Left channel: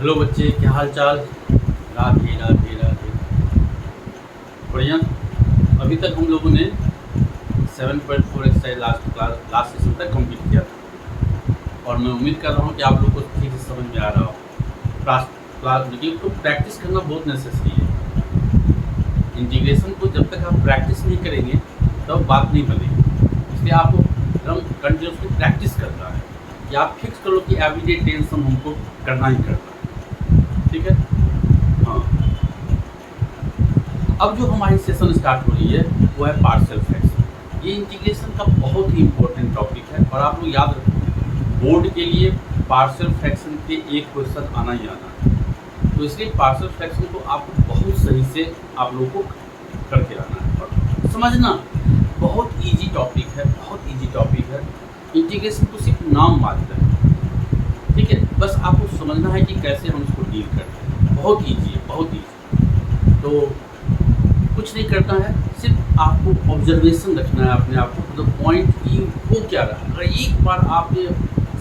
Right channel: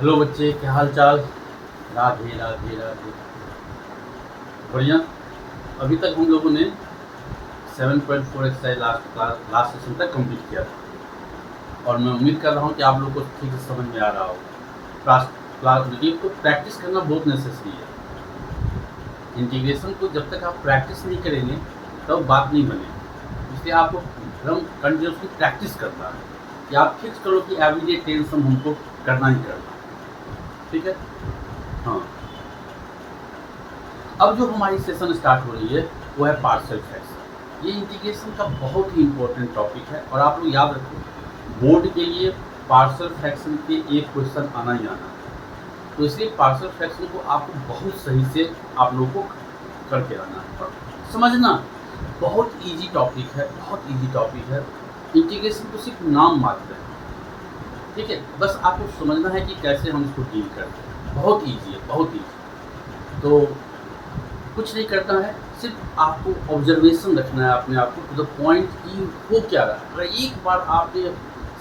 Hello बच्चे, क्या हाल चाल। राधे राधे राधे। बढ़िया। अभी तक हम लोगों ने 7.4 एक्सरसाइज लास्ट सेशन तक कंप्लीट किया था और मैं उम्मीद कर रहा हूँ कि आप लोग को ठीक से समझ में आ रहा हो। क्लास तो प्रैक्टिस करना बहुत नेसेसरी है। इंटीग्रेशन को जब तक आप प्रैक्टिस नहीं करेंगे तब बात नहीं बनेगी। इसलिए आपको एकदम कंटिन्यूसली प्रैक्टिस करना है कि आप फिक्स करो कि एवरीडे टेंशन हमको करना ही करना है। ठीक है। हाँ, अब जो हमारी सेशन स्टार्ट हो रही है वो है पार्शियल फ्रैक्शन। ये इंटीग्रेशन का बहुत ही इंपॉर्टेंट टॉपिक है और आप लोग याद रखो, बोर्ड के लिए पार्शियल फ्रैक्शन के एक क्वेश्चन आना ही आना है। तो इसलिए पार्शियल फ्रैक्शन को आपको बहुत सही से आप लोगों को करके आना है और समझना। बहुत इजी टॉपिक है, बहुत इजी टॉपिक है। इंटीग्रेशन तो सिर्फ नाम मात्र है, ठीक है। बस आपको समझना है कि कैसे हम इसको डील करते हैं। बहुत इजी है, बहुत इजी। तो कुछ नहीं करना है, सिर्फ आपको ऑब्जर्वेशन रखना है अपने आप को टू द पॉइंट कि हो क्या रहा है। अगर एक बार आपने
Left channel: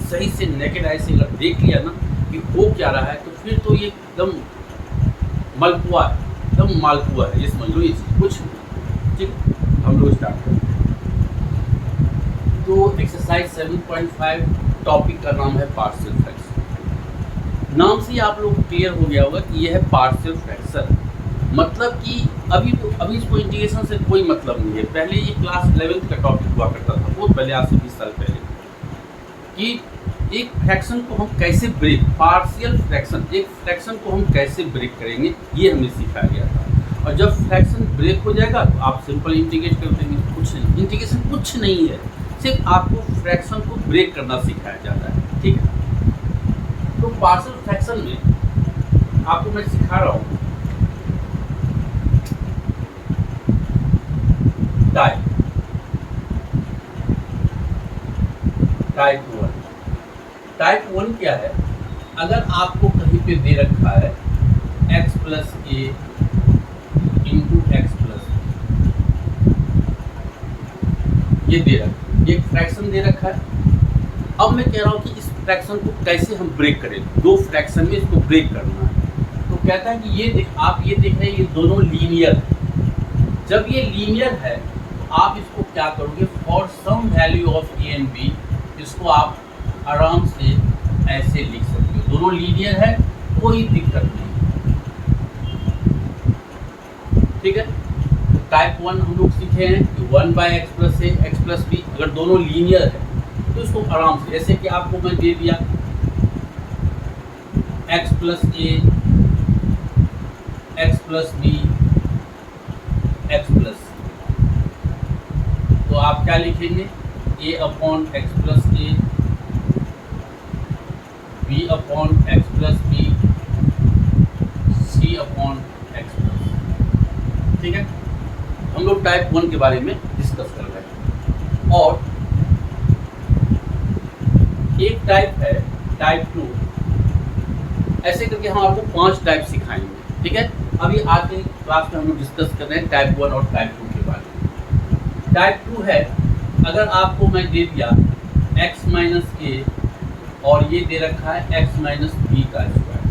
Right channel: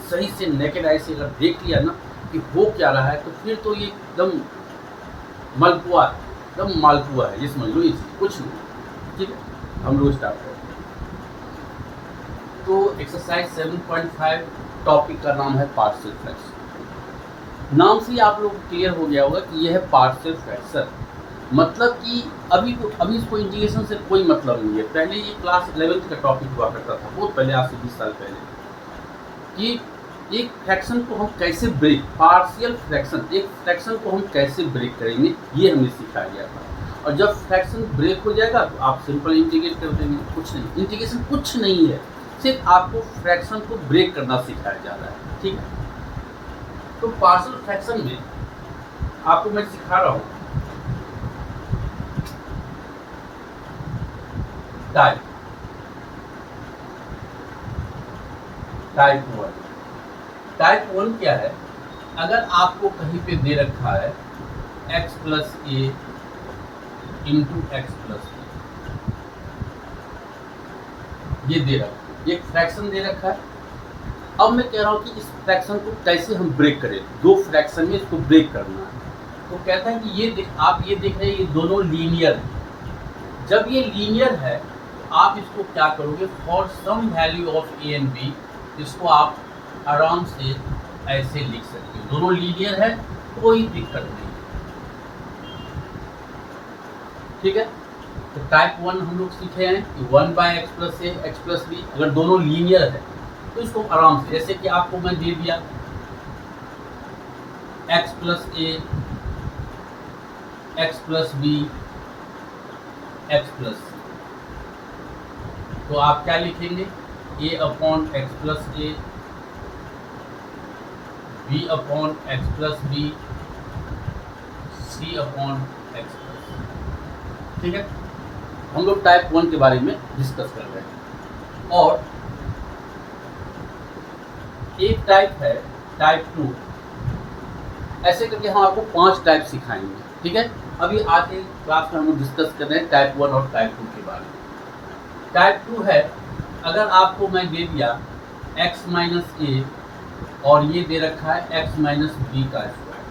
सही से नेकेड आई से अगर देख लिया ना कि हो क्या रहा है, तो फिर तो ये एकदम मलपुआ है, एकदम मालपुआ है, ये समझ लो। ये कुछ नहीं, ठीक है। हम लोग स्टार्ट करते हैं। तो एक्सरसाइज 7.5 टॉपिक का नाम है पार्शियल फ्रैक्शन। नाम से ही आप लोग क्लियर हो गया होगा कि यह है पार्शियल फ्रैक्शन। मतलब कि अभी इसको इंटीग्रेशन से कोई मतलब नहीं है। पहले ये क्लास 11th का टॉपिक हुआ करता था, बहुत पहले, आज से 20 साल पहले, कि एक फ्रैक्शन को हम कैसे ब्रेक, पार्शियल फ्रैक्शन, एक फ्रैक्शन को हम कैसे ब्रेक करेंगे, ये हमें सिखाया गया था। और जब फ्रैक्शन ब्रेक हो जाएगा तो आप सिंपल इंटीग्रेट कर देंगे। कुछ नहीं, इंटीग्रेशन कुछ नहीं है, सिर्फ आपको फ्रैक्शन को ब्रेक करना सिखाया जा रहा है, ठीक है। तो पार्शियल फ्रैक्शन में आपको मैं सिखा रहा हूँ टाइप 1। टाइप 1 क्या है? अगर आपको कहीं पे दे रखा है x प्लस ए इंटू एक्स प्लस ए, ये दे रखा है, ये फ्रैक्शन दे रखा है। अब मैं कह रहा हूँ कि इस फ्रैक्शन को कैसे हम ब्रेक करें। दो फ्रैक्शन में इसको ब्रेक करना है। तो कहता है कि आप ये देख रहे हैं, ये दोनों लीनियर है। जब ये लीनियर है तो आप इसको क्या करोगे, for some value of A and B, इसको आप आराम से ऐसे लिख सकते हो। दोनों लीनियर है, कोई दिक्कत नहीं, ठीक है। तो टाइप 1 हम लोग सीखे हैं कि 1/x plus a x plus B, अगर दोनों लीनियर है तो इसको आराम से, जैसे कि आपको मैं दे दिया x plus a x plus B x plus c, तो आप क्या लिखेंगे, a upon x plus a, b upon x plus b, c upon x plus c, ठीक है। हम लोग टाइप 1 के बारे में डिस्कस कर रहे हैं। और एक टाइप है टाइप 2। ऐसे करके हम आपको 5 टाइप सिखाएंगे, ठीक है। अभी आज के क्लास में हम लोग डिस्कस कर रहे हैं टाइप 1 और टाइप 2 के बारे में। टाइप 2 है, अगर आपको मैं दे दिया x माइनस ए और ये दे रखा है x माइनस बी का स्क्वायर,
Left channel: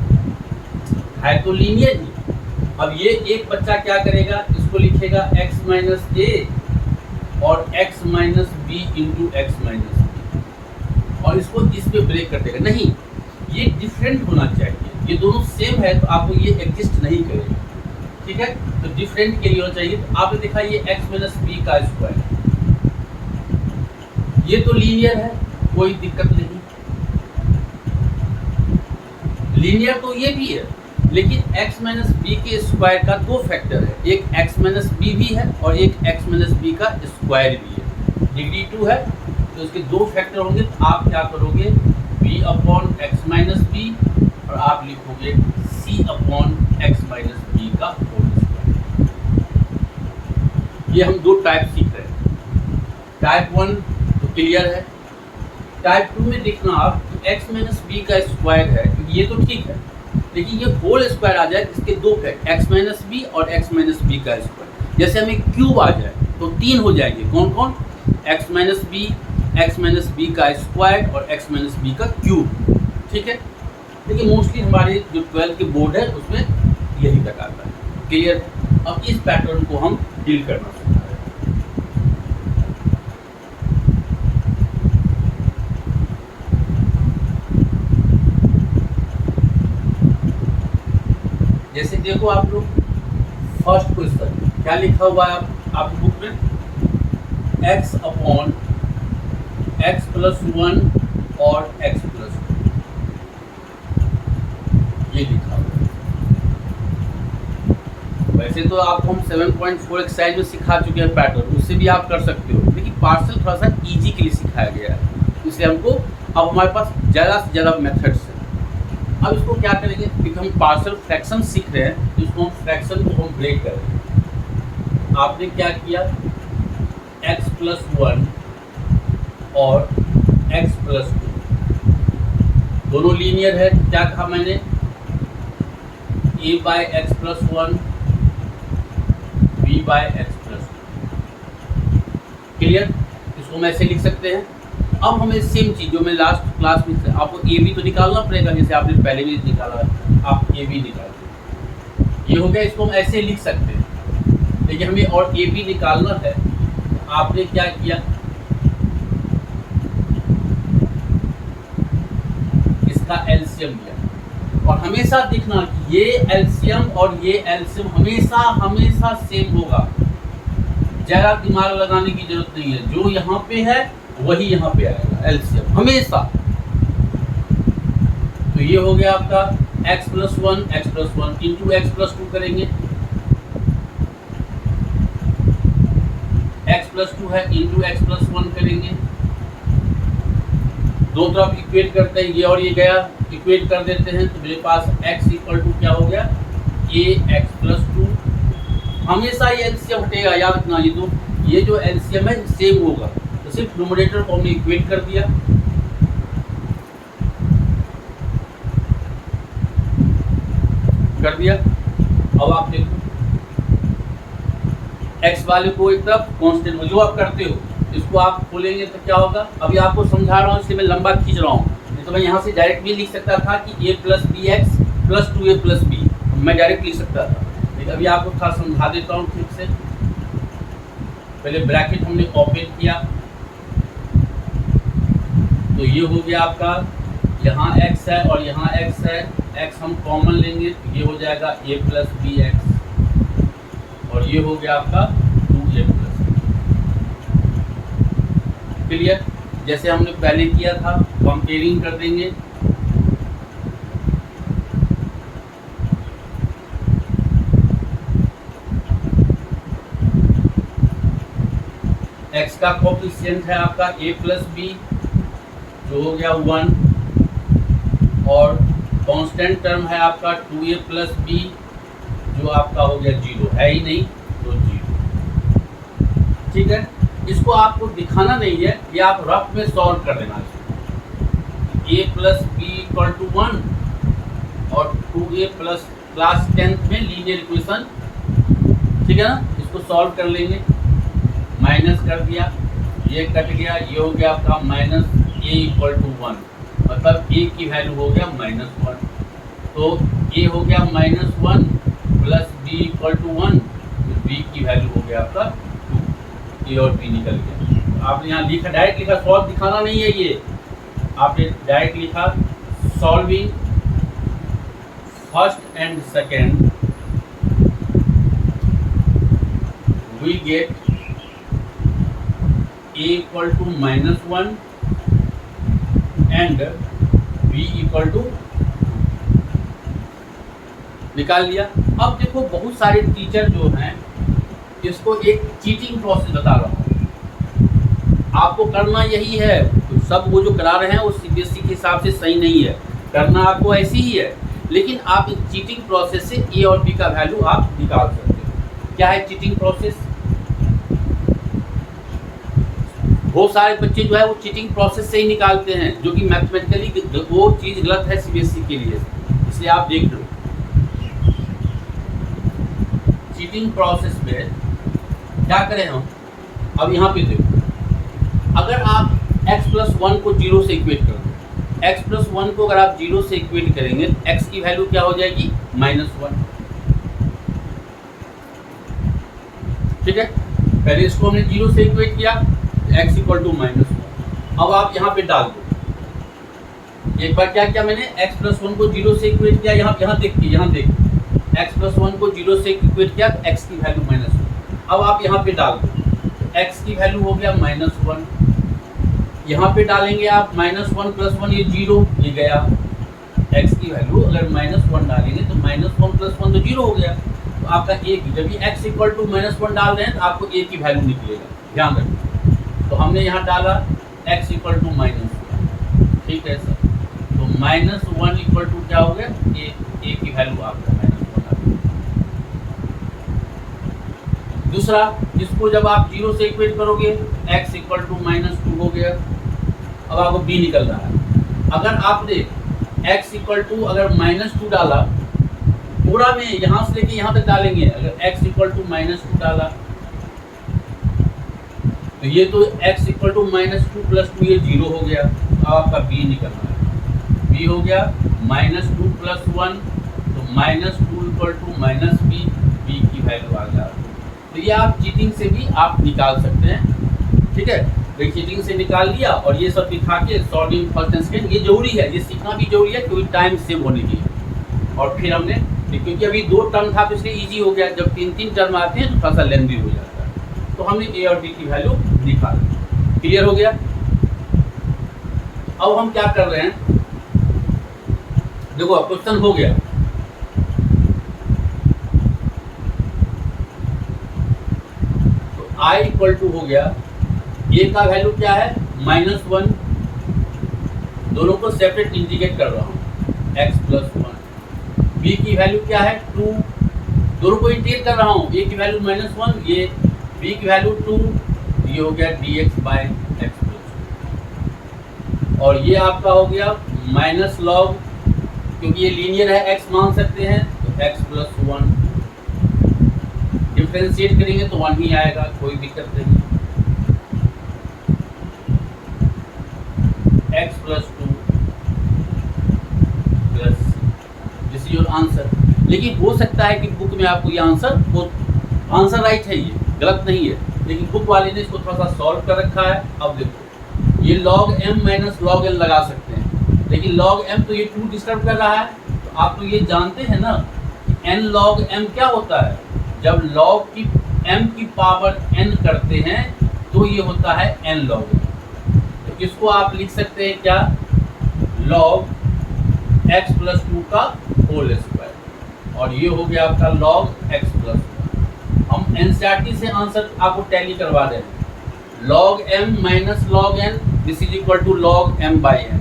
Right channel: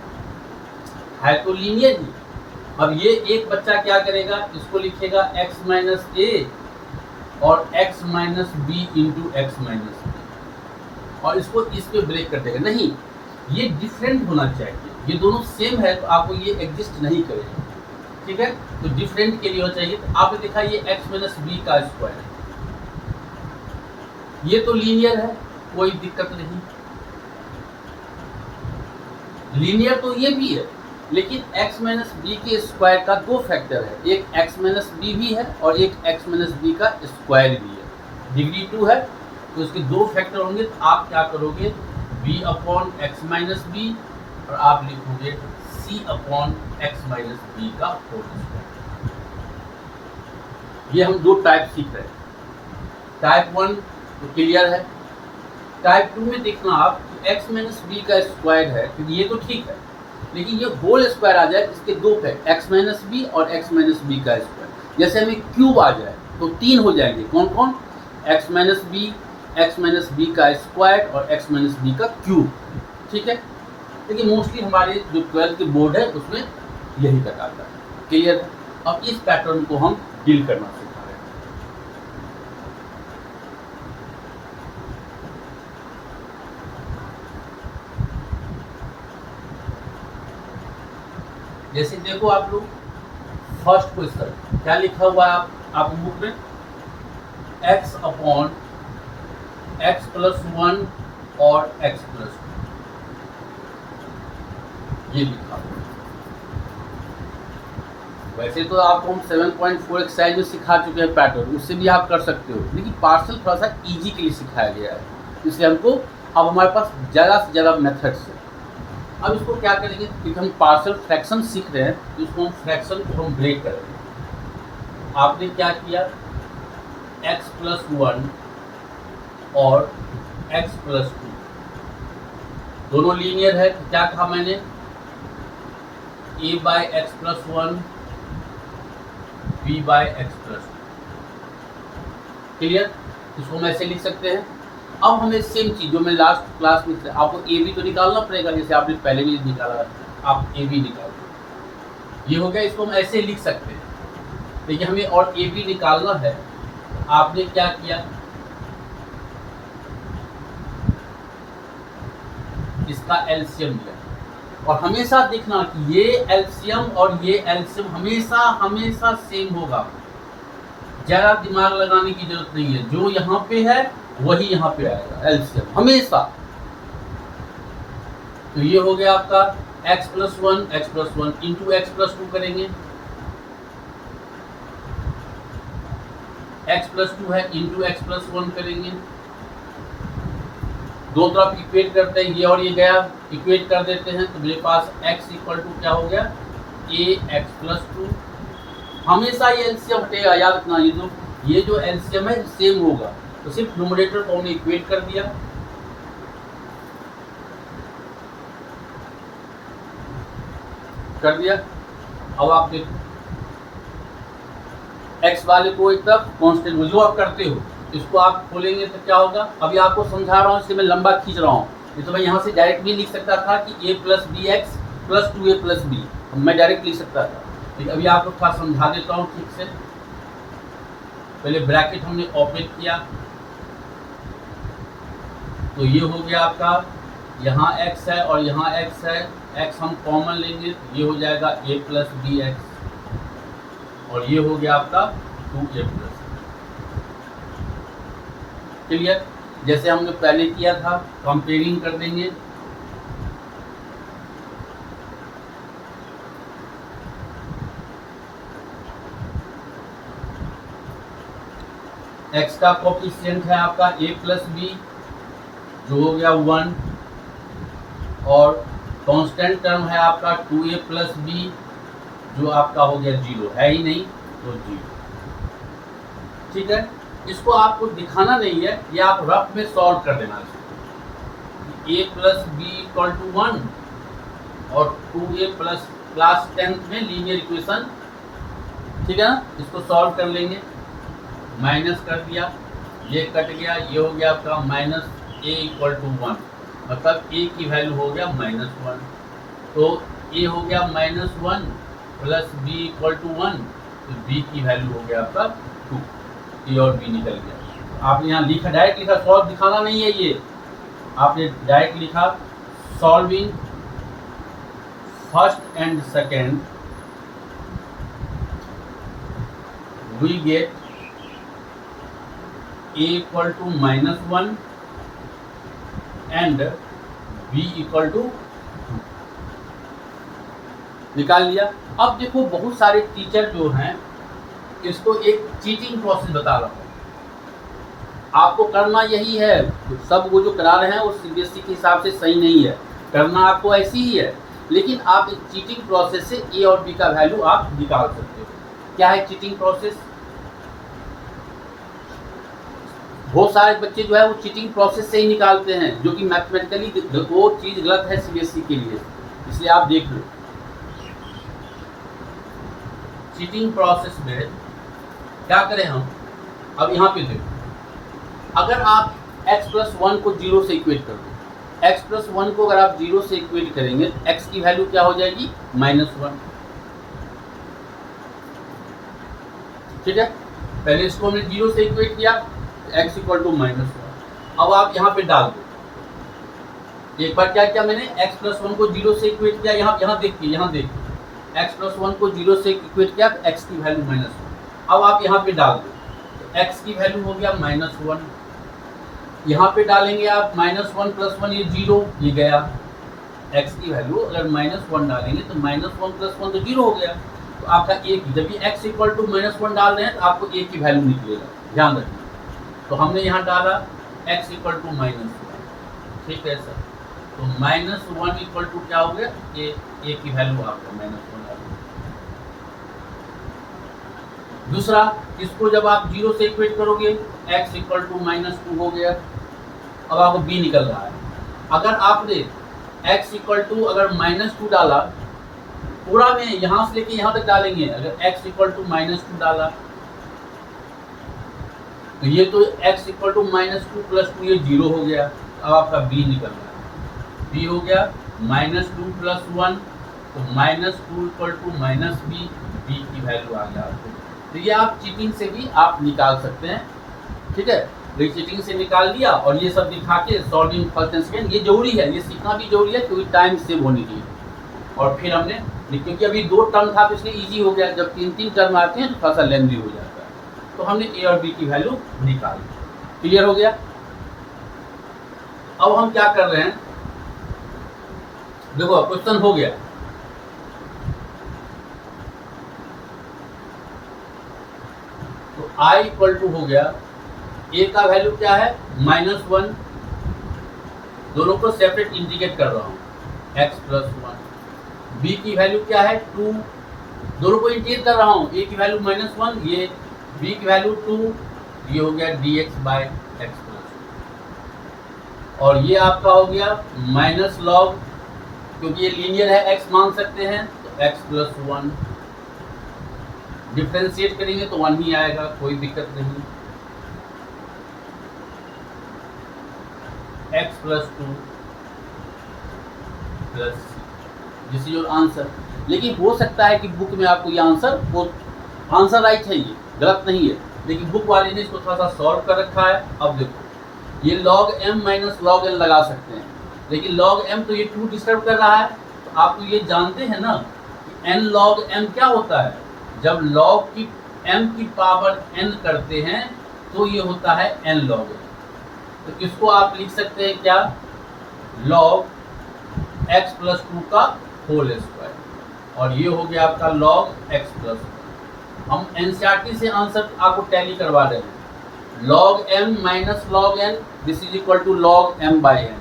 है तो लीनियर ही। अब ये एक बच्चा क्या करेगा, इसको लिखेगा x माइनस ए और x minus B into x minus B, और इसको इस पे ब्रेक कर देगा। नहीं, ये डिफरेंट होना चाहिए। ये दोनों सेम है तो आपको ये एग्जिस्ट नहीं करेगा, ठीक है। तो डिफरेंट के लिए होना चाहिए। तो आपने देखा ये x माइनस बी का स्क्वायर, ये तो लीनियर है, कोई दिक्कत नहीं। लीनियर तो ये भी है, लेकिन x माइनस बी के स्क्वायर का 2 फैक्टर है, एक x माइनस बी भी है और एक x माइनस बी का स्क्वायर भी है। डिग्री 2 है तो इसके 2 फैक्टर होंगे। तो आप क्या करोगे, b upon x minus B और आप लिखोगे c upon x minus B का होल स्क्वायर। ये हम 2 टाइप सीख रहे हैं। टाइप 1 तो क्लियर है। टाइप 2 में देखना आप कि x माइनस बी का स्क्वायर है, क्योंकि ये तो ठीक है, लेकिन ये होल स्क्वायर आ जाए, इसके 2 फैक्टर x माइनस बी और x माइनस बी का स्क्वायर। जैसे हमें क्यूब आ जाए तो 3 हो जाएंगे, कौन कौन, x minus B, x minus B का स्क्वायर और एक्स माइनस बी का क्यूब, ठीक है। लेकिन मोस्टली हमारे जो 12th के बोर्ड है उसमें यही तक आता है। क्लियर है? अब इस पैटर्न को हम डील करना सीखा है। जैसे देखो आप लोग फर्स्ट क्वेश्चन क्या लिखा हुआ है आप बुक में, x अपॉन x प्लस 1 और x प्लस 2 ये लिखा हुआ है। वैसे तो आपको हम 7.4 एक्सरसाइज में सिखा चुके हैं पैटर्न, उससे भी आप कर सकते हो, लेकिन पार्सल थोड़ा सा इजी के लिए सिखाया गया है, इसलिए हमको अब हमारे पास ज़्यादा से ज़्यादा मेथड्स है। अब इसको क्या करेंगे, क्योंकि हम पार्सल फ्रैक्शन सीख रहे हैं, तो इसको हम फ्रैक्शन को हम ब्रेक करेंगे। आपने क्या किया, x प्लस 1 और x प्लस 2 दोनों लीनियर है। क्या कहा मैंने, a by x plus 1 b by x plus 2। Clear? इसको हम ऐसे लिख सकते हैं। अब हमें सेम चीज़ जो मैं लास्ट क्लास में से आपको ए बी तो निकालना पड़ेगा, जैसे आपने पहले भी निकाला, आप ए बी निकाल दो, ये हो गया। इसको हम ऐसे लिख सकते हैं, लेकिन हमें और ए बी निकालना है। आपने क्या किया, इसका एलसीएम लिया, और हमेशा देखना कि ये एलसीएम और ये एलसीएम हमेशा हमेशा सेम होगा, ज़्यादा दिमाग लगाने की जरूरत नहीं है। जो यहाँ पे है वही यहाँ पे आएगा एलसीएम हमेशा। तो ये हो गया आपका x plus 1 into x plus 2 करेंगे, x प्लस 2 है इंटू एक्स प्लस 1 करेंगे, दो तरफ इक्वेट करते हैं, ये और ये गया, इक्वेट कर देते हैं, तो मेरे पास x इक्वल टू क्या हो गया, ax प्लस 2। हमेशा ये एलसीएम हटेगा, याद रखना, ये जो एलसीएम है सेम होगा, तो सिर्फ न्यूमरेटर को हमने इक्वेट कर दिया। अब आप देखो x वाले को एक तरफ कांस्टेंट जो आप करते हो, इसको आप खोलेंगे तो क्या होगा, अभी आपको समझा रहा हूँ इसलिए मैं लंबा खींच रहा हूँ, नहीं तो मैं यहाँ से डायरेक्ट भी लिख सकता था कि a plus B x plus 2a plus B, मैं डायरेक्ट लिख सकता था, लेकिन अभी आपको थोड़ा समझा देता हूँ ठीक से। पहले ब्रैकेट हमने ओपन किया, तो ये हो गया आपका, यहाँ x है और यहाँ x है, x हम कॉमन लेंगे तो ये हो जाएगा a प्लस बी एक्स, और ये हो गया आपका 2a प्लस। क्लियर? जैसे हमने पहले किया था, कंपेयरिंग कर देंगे। x का कोएफिशिएंट है आपका a प्लस बी जो हो गया 1, और कांस्टेंट टर्म है आपका 2a प्लस बी जो आपका हो गया 0, है ही नहीं तो 0। ठीक है, इसको आपको दिखाना नहीं है, ये आप रफ में सॉल्व कर देना। a plus B equal to 1 और 2a प्लस क्लास 10th में लीनियर इक्वेशन, ठीक है ना, इसको सॉल्व कर लेंगे। माइनस कर दिया, ये कट गया, ये हो गया आपका माइनस a इक्वल टू 1, मतलब a की वैल्यू हो गया -1, तो a हो गया -1 प्लस b इक्वल टू 1, तो b की वैल्यू हो गया आपका 2, a और b निकल गया। तो आपने यहाँ लिखा, डायरेक्ट लिखा, सॉल्व दिखाना नहीं है, ये आपने डायरेक्ट लिखा solving first and second we get a equal to -1 and b equal to 2, निकाल लिया। अब देखो बहुत सारे टीचर जो हैं इसको एक चीटिंग प्रोसेस बता रहा हूँ, आपको करना यही है, सब वो जो करा रहे हैं वो सीबीएसई के हिसाब से सही नहीं है, करना आपको ऐसी ही है, लेकिन आप एक चीटिंग प्रोसेस से a और b का वैल्यू आप निकाल सकते हो। क्या है चीटिंग प्रोसेस? बहुत सारे बच्चे जो है वो चीटिंग प्रोसेस से ही निकालते हैं, जो कि मैथमेटिकली वो चीज़ गलत है सीबीएसई के लिए, इसलिए आप देख लो। चीटिंग प्रोसेस में क्या करें हम, अब यहाँ पे देखो, अगर आप x प्लस 1 को 0 से इक्वेट कर दो, x प्लस 1 को अगर आप 0 से इक्वेट करेंगे x की वैल्यू क्या हो जाएगी -1। ठीक है, पहले इसको हमने 0 से इक्वेट किया x इक्वल टू -1। अब आप यहाँ पे डाल दो, एक बार क्या किया मैंने, x प्लस 1 को 0 से इक्वेट किया, यहाँ देखिए x प्लस 1 को 0 से इक्वेट किया तो x की वैल्यू -1। अब आप यहाँ पे डाल दो, तो x की वैल्यू हो गया -1, यहाँ पे डालेंगे आप -1 प्लस 1, ये 0, ये गया। x की वैल्यू अगर -1 डालेंगे तो -1 प्लस 1 तो 0 हो गया, तो आपका a की, जब ये x इक्वल टू -1 डाल रहे हैं तो आपको a की वैल्यू निकलेगा, ध्यान रखिए। तो हमने यहाँ डाला x इक्वल टू -1, ठीक है सर, तो -1 इक्वल टू क्या हो गया, a की वैल्यू आपको -1 आ गई। दूसरा, इसको जब आप 0 से इक्वेट करोगे x इक्वल टू -2 हो गया। अब आपको b निकल रहा है, अगर आपने x इक्वल टू अगर -2 डाला, पूरा में यहाँ से लेके यहाँ तक डालेंगे, अगर x इक्वल टू -2 डाला तो ये तो x इक्वल टू -2 प्लस 2 ये 0 हो गया। अब आपका b निकल रहा है, b हो गया -2 प्लस 1, तो -2 इक्वल टू -b, b की वैल्यू आ गया। तो ये आप चीटिंग से भी आप निकाल सकते हैं, ठीक है। तो चीटिंग से निकाल लिया और ये सब दिखा के सॉल्विंग फर्स्ट एंड सेकंड, ये जरूरी है, ये सीखना भी जरूरी है क्योंकि टाइम सेव होने के लिए। और फिर हमने, क्योंकि अभी 2 टर्म था तो इसलिए इजी हो गया, जब 3-3 टर्म आते हैं तो थोड़ा सा लेंथी हो जाता है। तो हमने a और b की वैल्यू निकाल, क्लियर हो गया। अब हम क्या कर रहे हैं, देखो क्वेश्चन हो गया, तो i इक्वल टू हो गया, a का वैल्यू क्या है -1, दोनों को सेपरेट इंटीग्रेट कर रहा हूँ, x प्लस 1, b की वैल्यू क्या है 2, दोनों को इंटीग्रेट कर रहा हूँ, a की वैल्यू -1, ये b की वैल्यू 2, ये हो गया dx बाय x प्लस 2, और ये आपका हो गया माइनस लॉग, क्योंकि ये लीनियर है x मान सकते हैं, तो x प्लस 1, डिफ्रेंशिएट करेंगे तो 1 ही आएगा, कोई दिक्कत नहीं, x plus 2 plus this is your answer. लेकिन हो सकता है कि बुक में आपको ये आंसर राइट है, ये गलत नहीं है, लेकिन बुक वाले ने इसको थोड़ा सा सॉल्व कर रखा है। अब देखो, ये log m minus log n लगा सकते हैं, लेकिन log m तो ये 2 डिस्टर्ब कर रहा है, तो आप तो ये जानते हैं ना n log m क्या होता है, जब log की m की पावर n करते हैं तो ये होता है n log m। तो इसको आप लिख सकते हैं क्या, log x प्लस 2 का होल स्क्वायर, और ये हो गया आपका log x प्लस 1। हम एनसीईआरटी से आंसर आपको टैली करवा रहे हैं, log m minus log n this is equal to log m by n,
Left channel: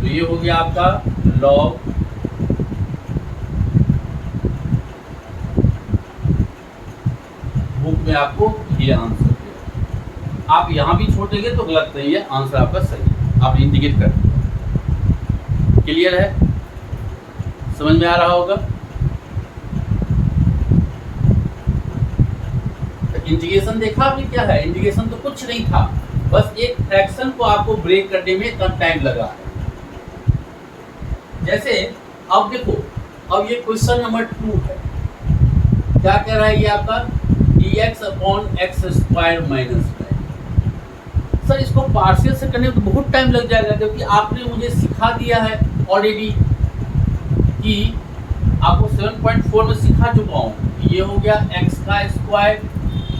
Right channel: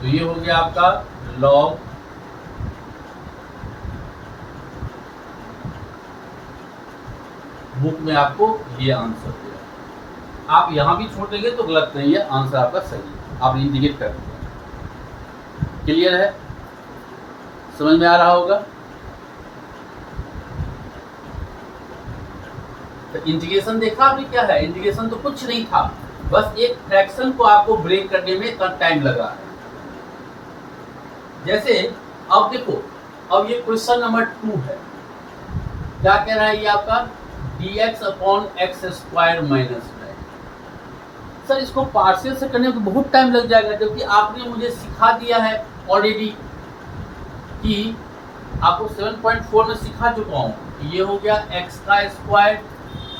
तो ये हो गया आपका log बुक में आपको ये आंसर दिया। आप यहाँ भी छोड़ेंगे तो गलत नहीं है, आंसर आपका सही है, आप इंडिकेट कर दिया। क्लियर है, समझ में आ रहा होगा। तो इंटीग्रेशन देखा आपने क्या है, इंटीग्रेशन तो कुछ नहीं था, बस एक फ्रैक्शन को आपको ब्रेक करने में कम टाइम लगा है। जैसे अब देखो, अब ये क्वेश्चन नंबर 2 है, क्या कह रहा है ये आपका dx upon x square minus 9। Sir इसको पार्शियल से करने में तो बहुत टाइम लग जाएगा, क्योंकि आपने मुझे सिखा दिया है ऑलरेडी कि आपको 7.4 में सिखा चुका हूँ। ये हो गया x का स्क्वायर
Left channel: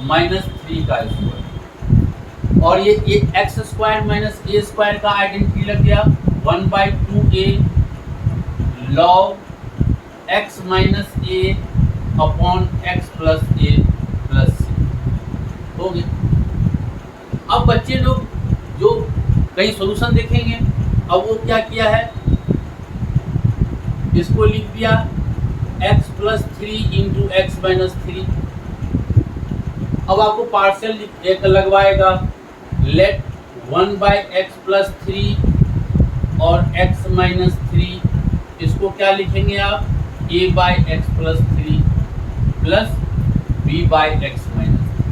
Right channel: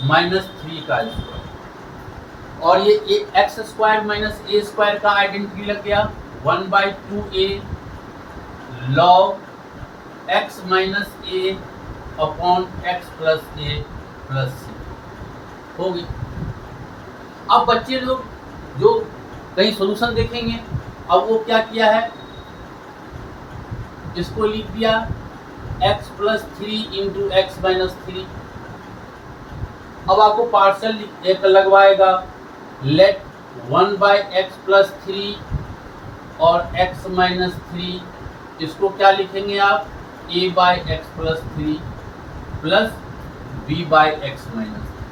माइनस 3 का स्क्वायर, और ये एक्स स्क्वायर माइनस ए स्क्वायर का आइडेंटिटी लग गया 1/2a log x माइनस ए अपॉन एक्स प्लस ए प्लस सी हो गई। अब बच्चे लोग जो कहीं सॉल्यूशन देखेंगे, अब वो क्या किया है, इसको लिख दिया x plus 3 into x minus 3। अब आपको पार्शियल एक लगवाएगा, लेट 1/x प्लस 3 और x माइनस 3, इसको क्या लिखेंगे आप a/x plus 3 plus b/x minus 3।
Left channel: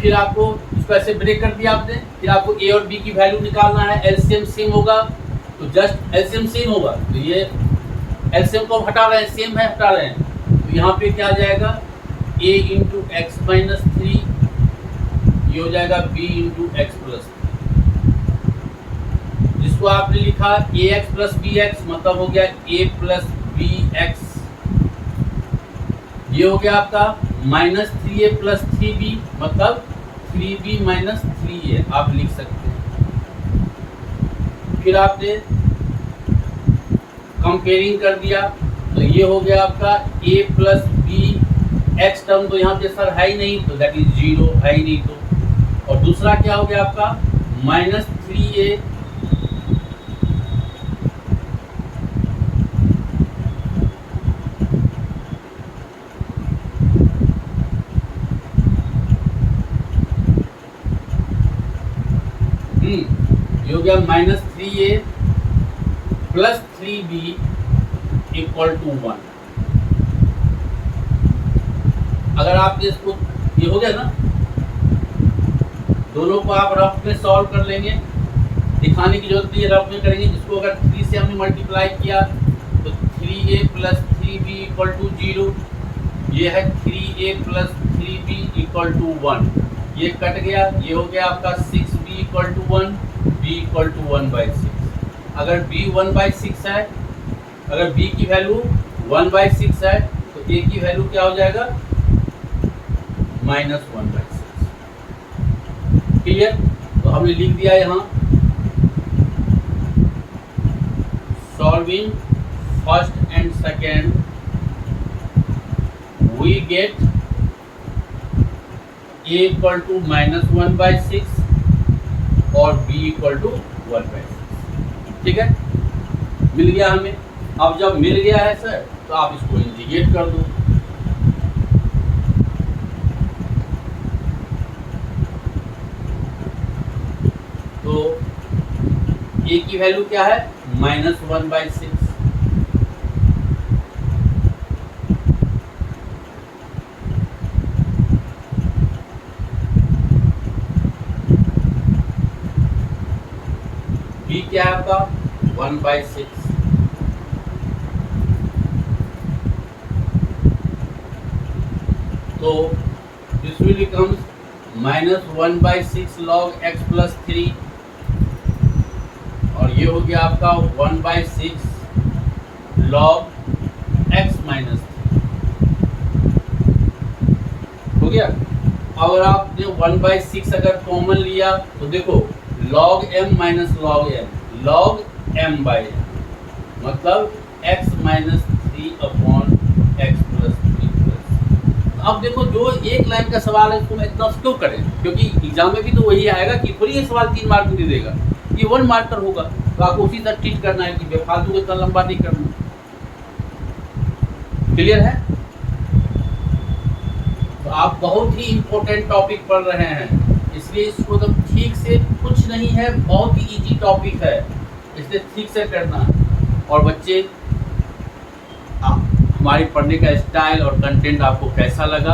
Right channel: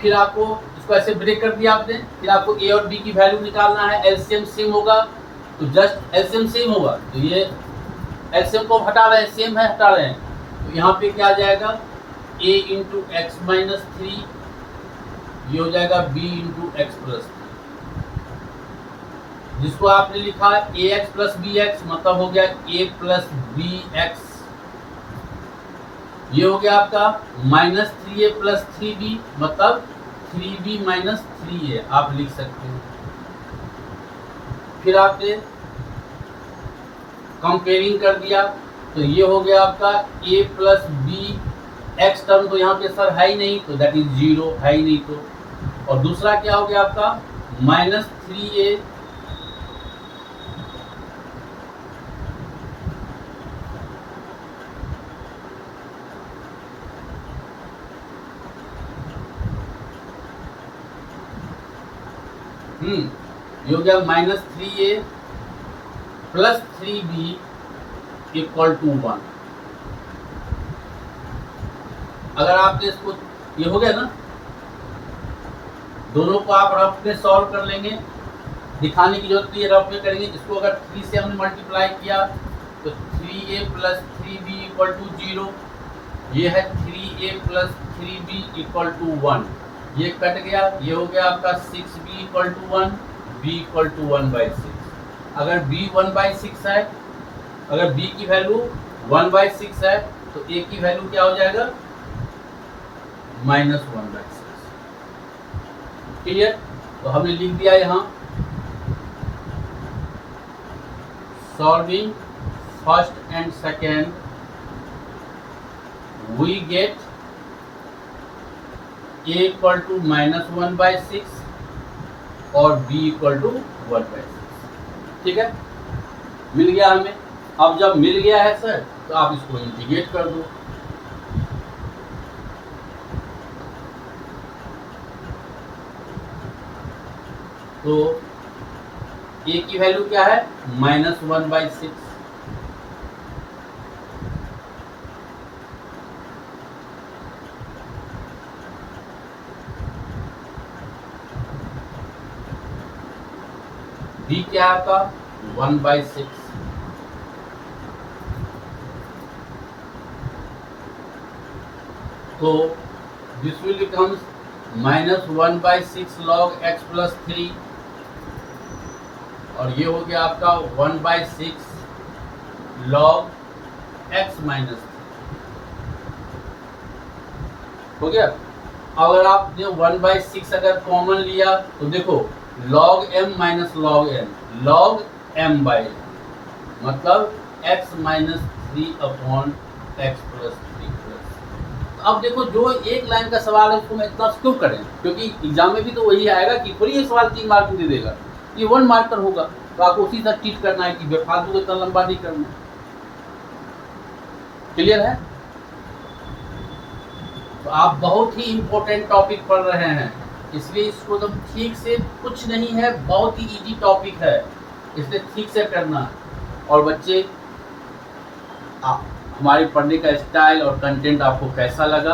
फिर आपको इसको ऐसे ब्रेक कर दिया आपने, फिर आपको ए और बी की वैल्यू निकालना है, एलसीएम सेम होगा तो जस्ट एलसीएम सेम होगा, तो ये एलसीएम को हटा रहे हैं, सेम है हटा रहे हैं, तो यहाँ पे क्या आ जाएगा a into x minus three, ये हो जाएगा b इंटू एक्स प्लस, जिसको आपने लिखा ए एक्स प्लस बी एक्स, मतलब हो गया a प्लस बी एक्स, ये हो गया आपका माइनस थ्री ए प्लस थ्री बी, मतलब 3b माइनस 3a आप लिख सकते हैं। फिर आपने कंपेयरिंग कर दिया तो ये हो गया आपका a plus B x term, तो यहाँ पे सर है ही नहीं, तो दैट इज जीरो, है ही नहीं तो, और दूसरा क्या हो गया आपका माइनस 3a ये हो गया minus 3a plus 3b equal to 1। अगर आपने इसको, ये हो गया ना, दोनों को आप रफ में सॉल्व कर लेंगे, दिखाने की जरूरत नहीं है, रफ में करेंगे। जिसको अगर 3 से हमने मल्टीप्लाई किया तो 3a plus 3b equal to 0, ये है 3a plus 3b equal to 1, ये कट गया, ये हो गया आपका 6b equal to 1, b equal to 1/6। अगर b 1/6 है, अगर b की वैल्यू 1/6 है तो a की वैल्यू क्या हो जाएगा -1/6। क्लियर? तो हमने लिख दिया यहाँ solving first and second we get a equal to -1/6 और b इक्वल टू 1/6। ठीक है, मिल गया हमें। अब जब मिल गया है सर तो आप इसको इंटीग्रेट कर दो, तो a की वैल्यू क्या है -1/6, b क्या है आपका 1/6, तो this will becomes -1/6 log x plus 3, और ये हो गया आपका 1/6 log x माइनस 3 हो गया। अगर आपने 1/6 अगर कॉमन लिया तो देखो log m minus log m, log m by m, मतलब x minus 3 upon x plus 3 plus. अब देखो जो एक लाइन का सवाल है उसको मैं इतना क्यों करें, क्योंकि एग्जाम में भी तो वही आएगा कि थोड़ी ये सवाल 3 मार्क में दे देगा, ये 1 मार्कर होगा, तो आपको उसी तरह ट्रीट करना है कि बेफालतू को इतना लंबा नहीं करना। क्लियर है? तो आप बहुत ही इंपॉर्टेंट टॉपिक पढ़ रहे हैं, इसलिए इसको तो ठीक से कुछ नहीं है, बहुत ही इजी टॉपिक है, इसलिए ठीक से करना। और बच्चे हमारे पढ़ने का स्टाइल और कंटेंट आपको कैसा लगा?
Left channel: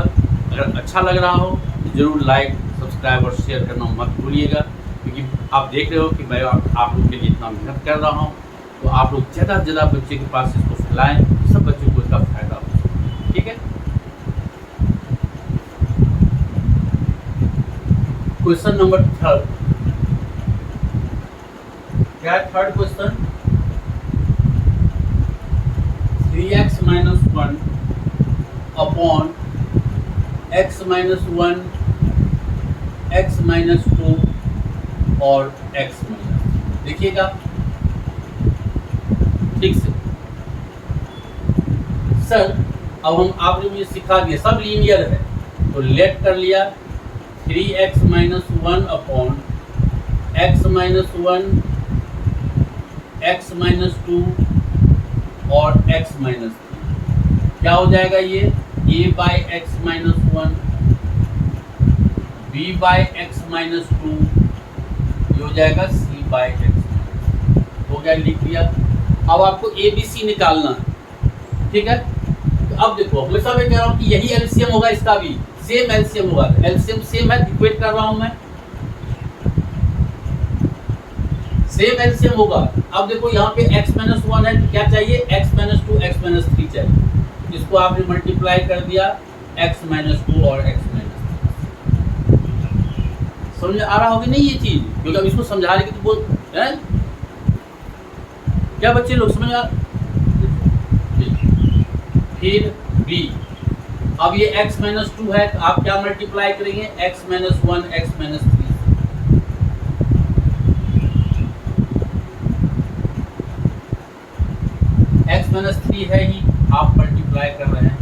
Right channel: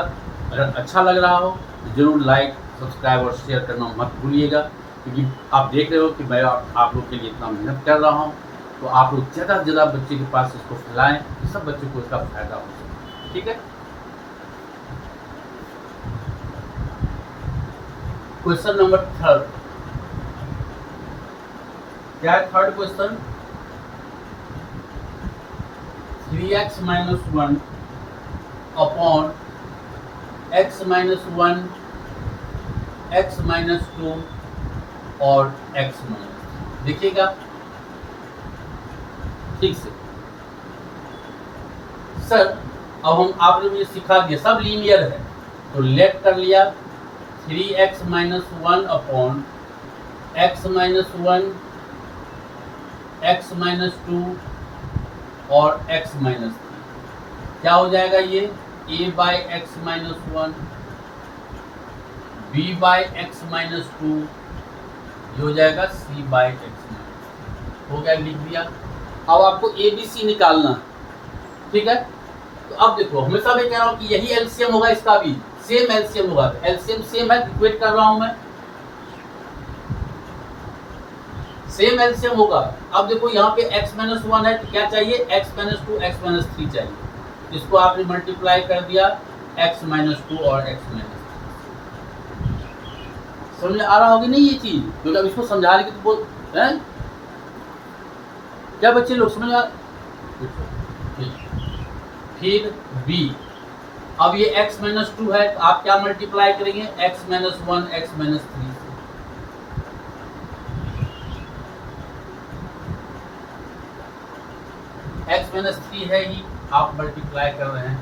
अगर अच्छा लग रहा हो तो ज़रूर लाइक, सब्सक्राइब और शेयर करना मत भूलिएगा, क्योंकि आप देख रहे हो कि मैं आप लोग के लिए इतना मेहनत कर रहा हूँ, तो आप लोग ज़्यादा से ज़्यादा बच्चे के पास इसको फैलाएं, सब बच्चों को इसका फ़ायदा हो सके। ठीक है? क्वेश्चन नंबर 3, क्या है third question? 3x minus 1 upon x minus 1, x minus 2 और x माइनस, देखिएगा ठीक से। सर अब हम आपने मुझे सिखा दिया, सब लीनियर है, तो लेट कर लिया 3x minus 1 upon x minus 1, x minus 2 और x माइनस 3, क्या हो जाएगा ये a by x minus 1, b by x minus 2, ये हो जाएगा c बाई एक्स, हो गया, लिख दिया। अब आपको a b c निकालना है, ठीक है? तो अब देखो हमेशा मैं कह रहा हूँ कि यही एलसीएम होगा, इसका भी सेम एलसीएम होगा, एलसीएम सेम है, इक्वेट कर रहा हूँ मैं, सेम एलसीएम होगा। अब देखो यहाँ पे x माइनस 1 है तो क्या चाहिए, x माइनस 2 x माइनस 3 चाहिए। इसको आपने मल्टीप्लाई कर दिया x माइनस 2 और x माइनस 3। समझ आ रहा होगी नहीं ये चीज, क्योंकि अब इसको समझाने की तो बोल है क्या बच्चे लोग, समझ आ। फिर b, अब ये x माइनस 2 है तो आप क्या मल्टीप्लाई करेंगे, x minus 1 x minus 3। x minus 3 है ही, आप मल्टीप्लाई कर रहे हैं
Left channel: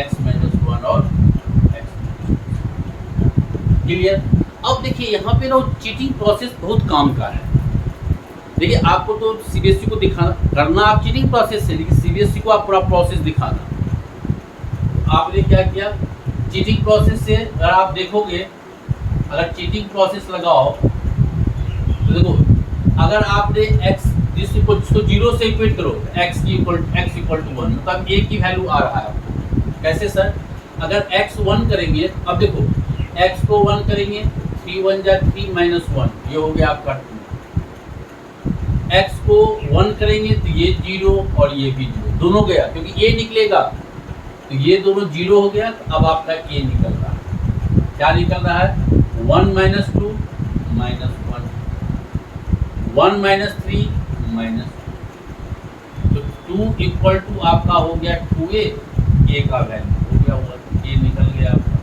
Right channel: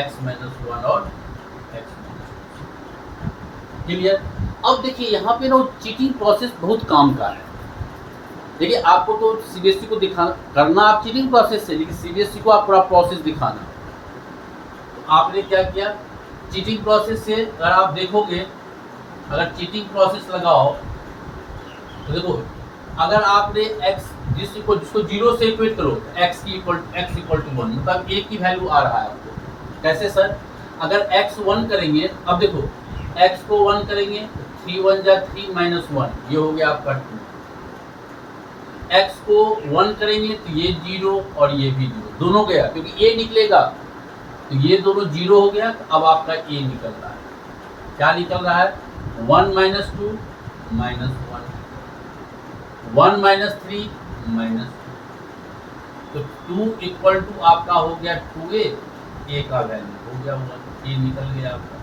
x माइनस 1 और x माइनस 2। क्लियर। अब देखिए यहाँ पे ना चीटिंग प्रोसेस बहुत काम का है। देखिए आपको तो सीबीएसई को दिखाना करना आप चीटिंग प्रोसेस से, लेकिन सीबीएसई को आप पूरा प्रोसेस दिखाना। तो आपने क्या किया, चीटिंग प्रोसेस से अगर आप देखोगे, अगर चीटिंग प्रोसेस लगाओ तो देखो, अगर आपने x जिसको 0 से इक्वेट करो, x इक्वल टू 1, मतलब a की वैल्यू आ रहा है आपको। कैसे सर, अगर x 1 करेंगे, अब देखो x को 1 करेंगे 3 1 जा 3 माइनस 1, ये हो गया आपका 2। x को 1 करेंगे तो ये 0 और ये भी 0, दोनों गया क्योंकि a निकलेगा, तो ये दोनों 0 हो गया। तो अब आपका a निकल रहा है, क्या निकल रहा है, 1 माइनस 2 माइनस 1, 1 माइनस 3 माइनस 2, तो 2 इक्वल टू आपका हो गया 2a, a का वैल्यू हो गया 1, a निकल गया आपका।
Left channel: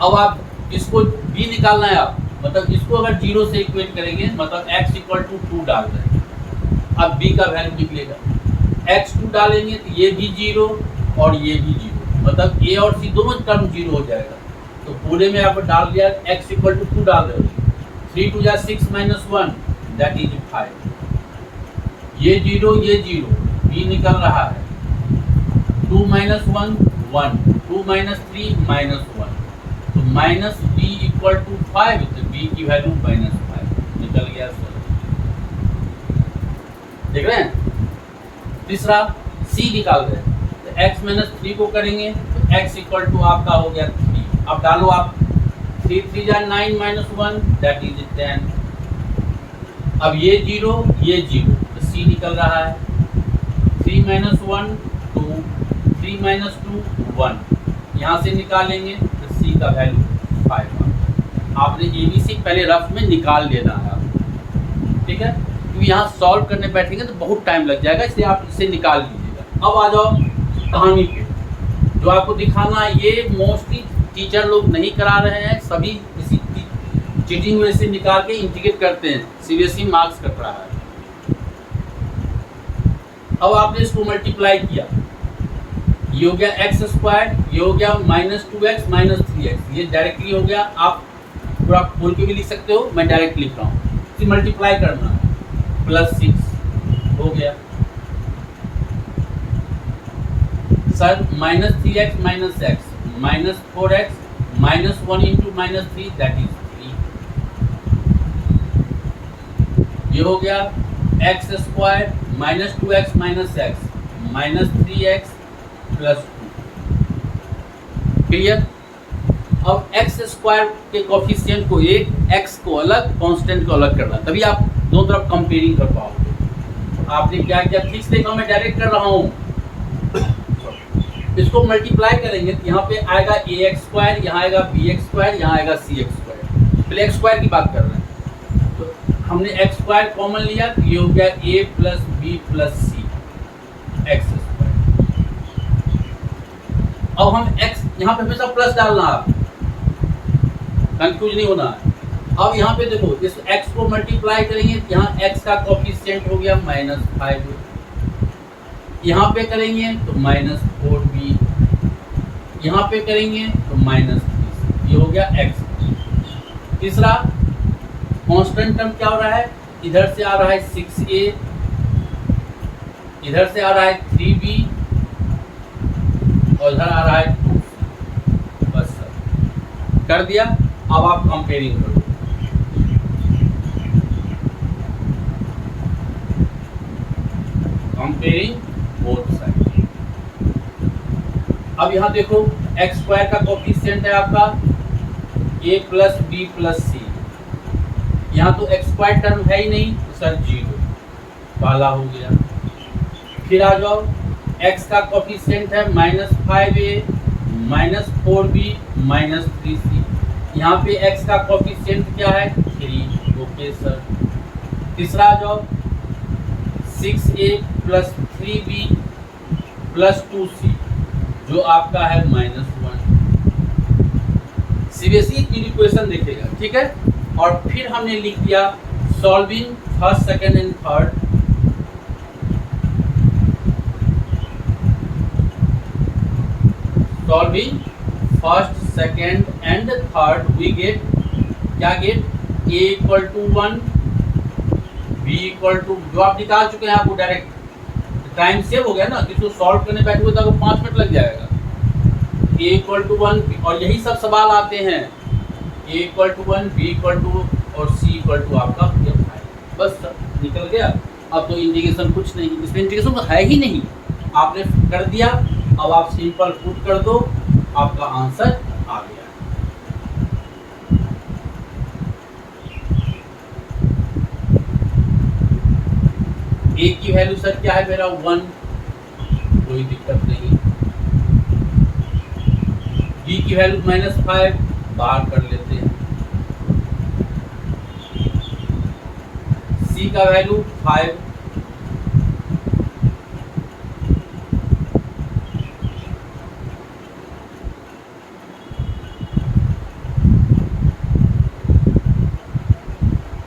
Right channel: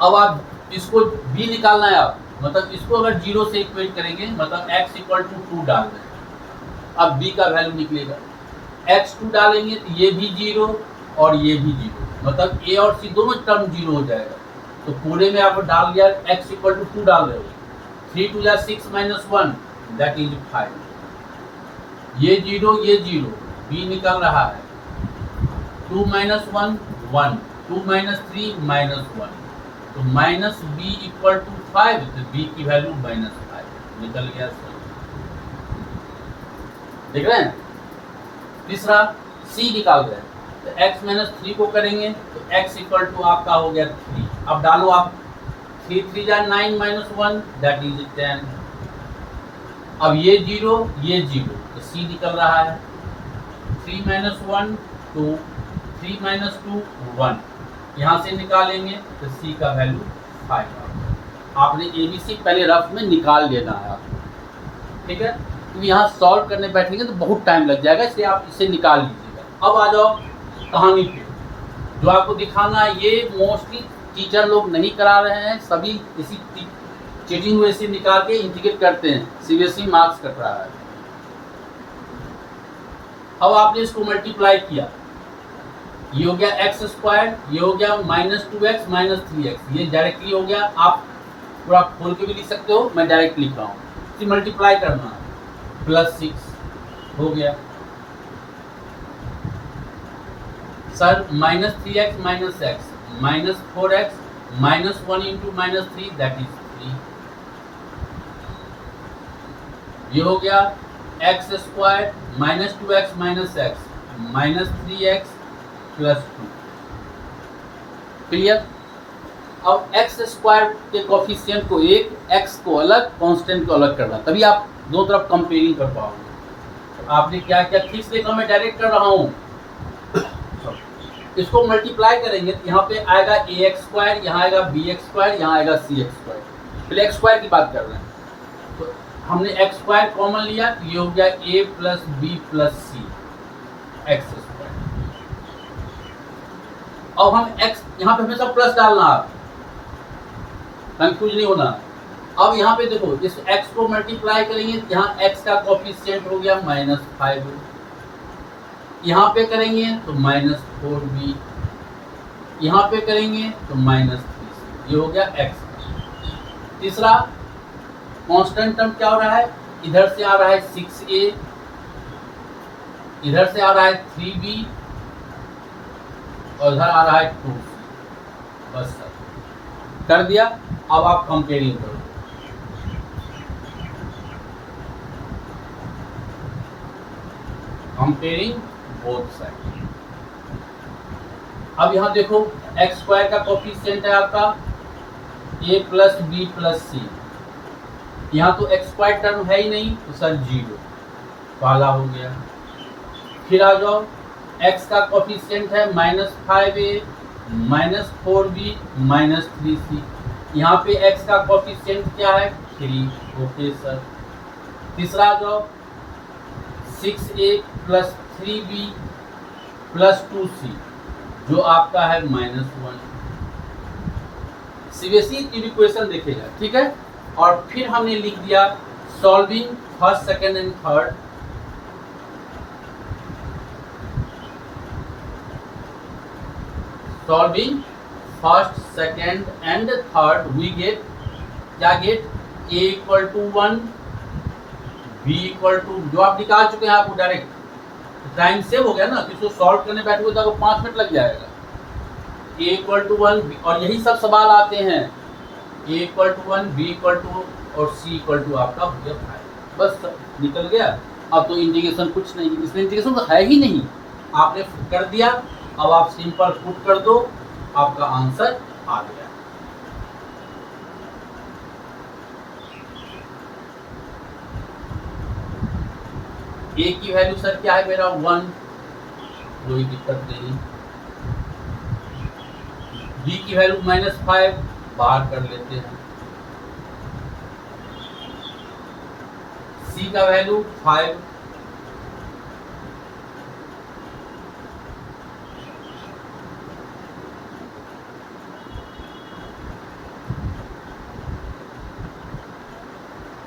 अब आप इसको b निकालना है आप, मतलब इसको अगर 0 से इक्वेट करेंगे, मतलब x इक्वल टू 2 डाल रहे हैं, अब b का वैल्यू निकलेगा, x 2 डालेंगे तो ये भी 0 और ये भी 0, मतलब a और c दोनों टर्म 0 हो जाएगा। तो पूरे में आप डाल दिया x इक्वल टू 2 डाल रहे हो, 3 2 जा 6 माइनस 1 दैट इज 5, ये 0 ये 0, b निकल रहा है 2 माइनस 1 1, 2 माइनस 3 माइनस 1, तो माइनस b इक्वल टू 5, तो b की वैल्यू माइनस 5 निकल गया सर। देख रहे हैं। तीसरा c निकाल रहे हैं, तो x माइनस 3 को करेंगे तो x इक्वल टू आपका हो गया 3। अब डालो आप, 3 3 जा 9 माइनस 1 दैट इज 10। अब ये 0 ये 0, तो c निकल रहा है 3 माइनस 1 2, 3 माइनस 2 1, यहाँ से निकालेंगे तो c का वैल्यू 5 आपने ABC पहले रफ में निकाल लेना है आपको, ठीक है, क्योंकि यहाँ सॉल्व करने बैठेंगे तो बहुत टाइम लग जाएगा, इसलिए आप इसे निकाल लीजिएगा। अब आ जाओ कहानी पे, जो आपको दिखाना है, ये मोस्टली टीचर लोग नहीं करा रहे हैं, सभी इसी चीटिंग में से निकाल के इंटीग्रेट करते हैं, सीबीएसई मार्क्स कट रहा है। अब आपने इसको मल्टीप्लाई किया, ये हो गया एक्स स्क्वायर, ये हो गया माइनस 2x माइनस 3x, ये डायरेक्टली हो गया, आप पूरा खोल के भी लिख सकते हो, मैं डायरेक्ट लिख रहा हूँ। इसे मल्टीप्लाई करना है, प्लस 6 हो गया sir, minus 3x minus x minus 4x minus 1 into minus 3 that is 3, ये हो गया x square minus 2x minus x minus 3x plus 2। Clear. अब एक्स स्क्वायर के कोफिशिएंट को एक, एक्स को अलग, कांस्टेंट को अलग करना, तभी आप दोनों तरफ कंपेयरिंग कर पाओगे। आपने क्या किया, ठीक से देखो मैं डायरेक्ट कर रहा हूँ, इसको मल्टीप्लाई करेंगे तो यहाँ पे आएगा ax स्क्वायर, यहाँ आएगा bx स्क्वायर, यहाँ आएगा cx स्क्वायर। पहले x स्क्वायर की बात कर रहे हैं, तो हमने x स्क्वायर कॉमन लिया तो ये हो गया a plus b plus c x square. अब हम x यहाँ पे हमेशा प्लस डालना, आप कंफ्यूज नहीं होना। अब यहाँ पे देखो, इस x को मल्टीप्लाई करेंगे, यहाँ x का कोफिशिएंट हो गया माइनस 5, यहाँ पे करेंगे तो माइनस 4b, यहाँ पे करेंगे तो माइनस 3, ये हो गया x। तीसरा कांस्टेंट टर्म क्या हो रहा है, इधर से आ रहा है 6a, इधर से आ रहा है 3b और इधर आ रहा है 2c। बस सर कर दिया। अब आप कंपेयरिंग करो, कंपेयरिंग बोथ साइड। अब यहाँ देखो एक्स स्क्वायर का कोफिशिएंट है आपका a plus b plus c, यहाँ तो एक्स स्क्वायर टर्म है ही नहीं, तो सर 0 पहला हो गया। फिर आ जाओ, x का कोफिशिएंट है -5a -4b -3c। यहाँ पे x का कोफिशिएंट क्या है 3। Okay sir. तीसरा आ जाओ, 6a + 3b + 2c जो आपका है -1। सीबीएसई की इक्वेशन देखेगा, ठीक है। और फिर हमने लिख दिया solving first second and third. Solving first second and third we get क्या गेट a = 1 b = जो आप निकाल चुके हैं आपको डायरेक्ट टाइम सेव हो गया ना, इसको सॉल्व करने बैठे तो आपको 5 मिनट लग जाएगा। a = 1 और यही सब सवाल आते हैं, a = 1 b = और c = आपका 5। बस निकल गया। अब तो इंटीग्रेशन कुछ नहीं, इसमें इंटीग्रेशन तो है ही नहीं, आपने कर दिया। अब आप सिंपल पुट कर दो, आपका आंसर आ गया। a की वैल्यू सर क्या है मेरा 1, कोई दिक्कत नहीं। b की वैल्यू -5 बाहर कर लेते हैं। c का वैल्यू 5,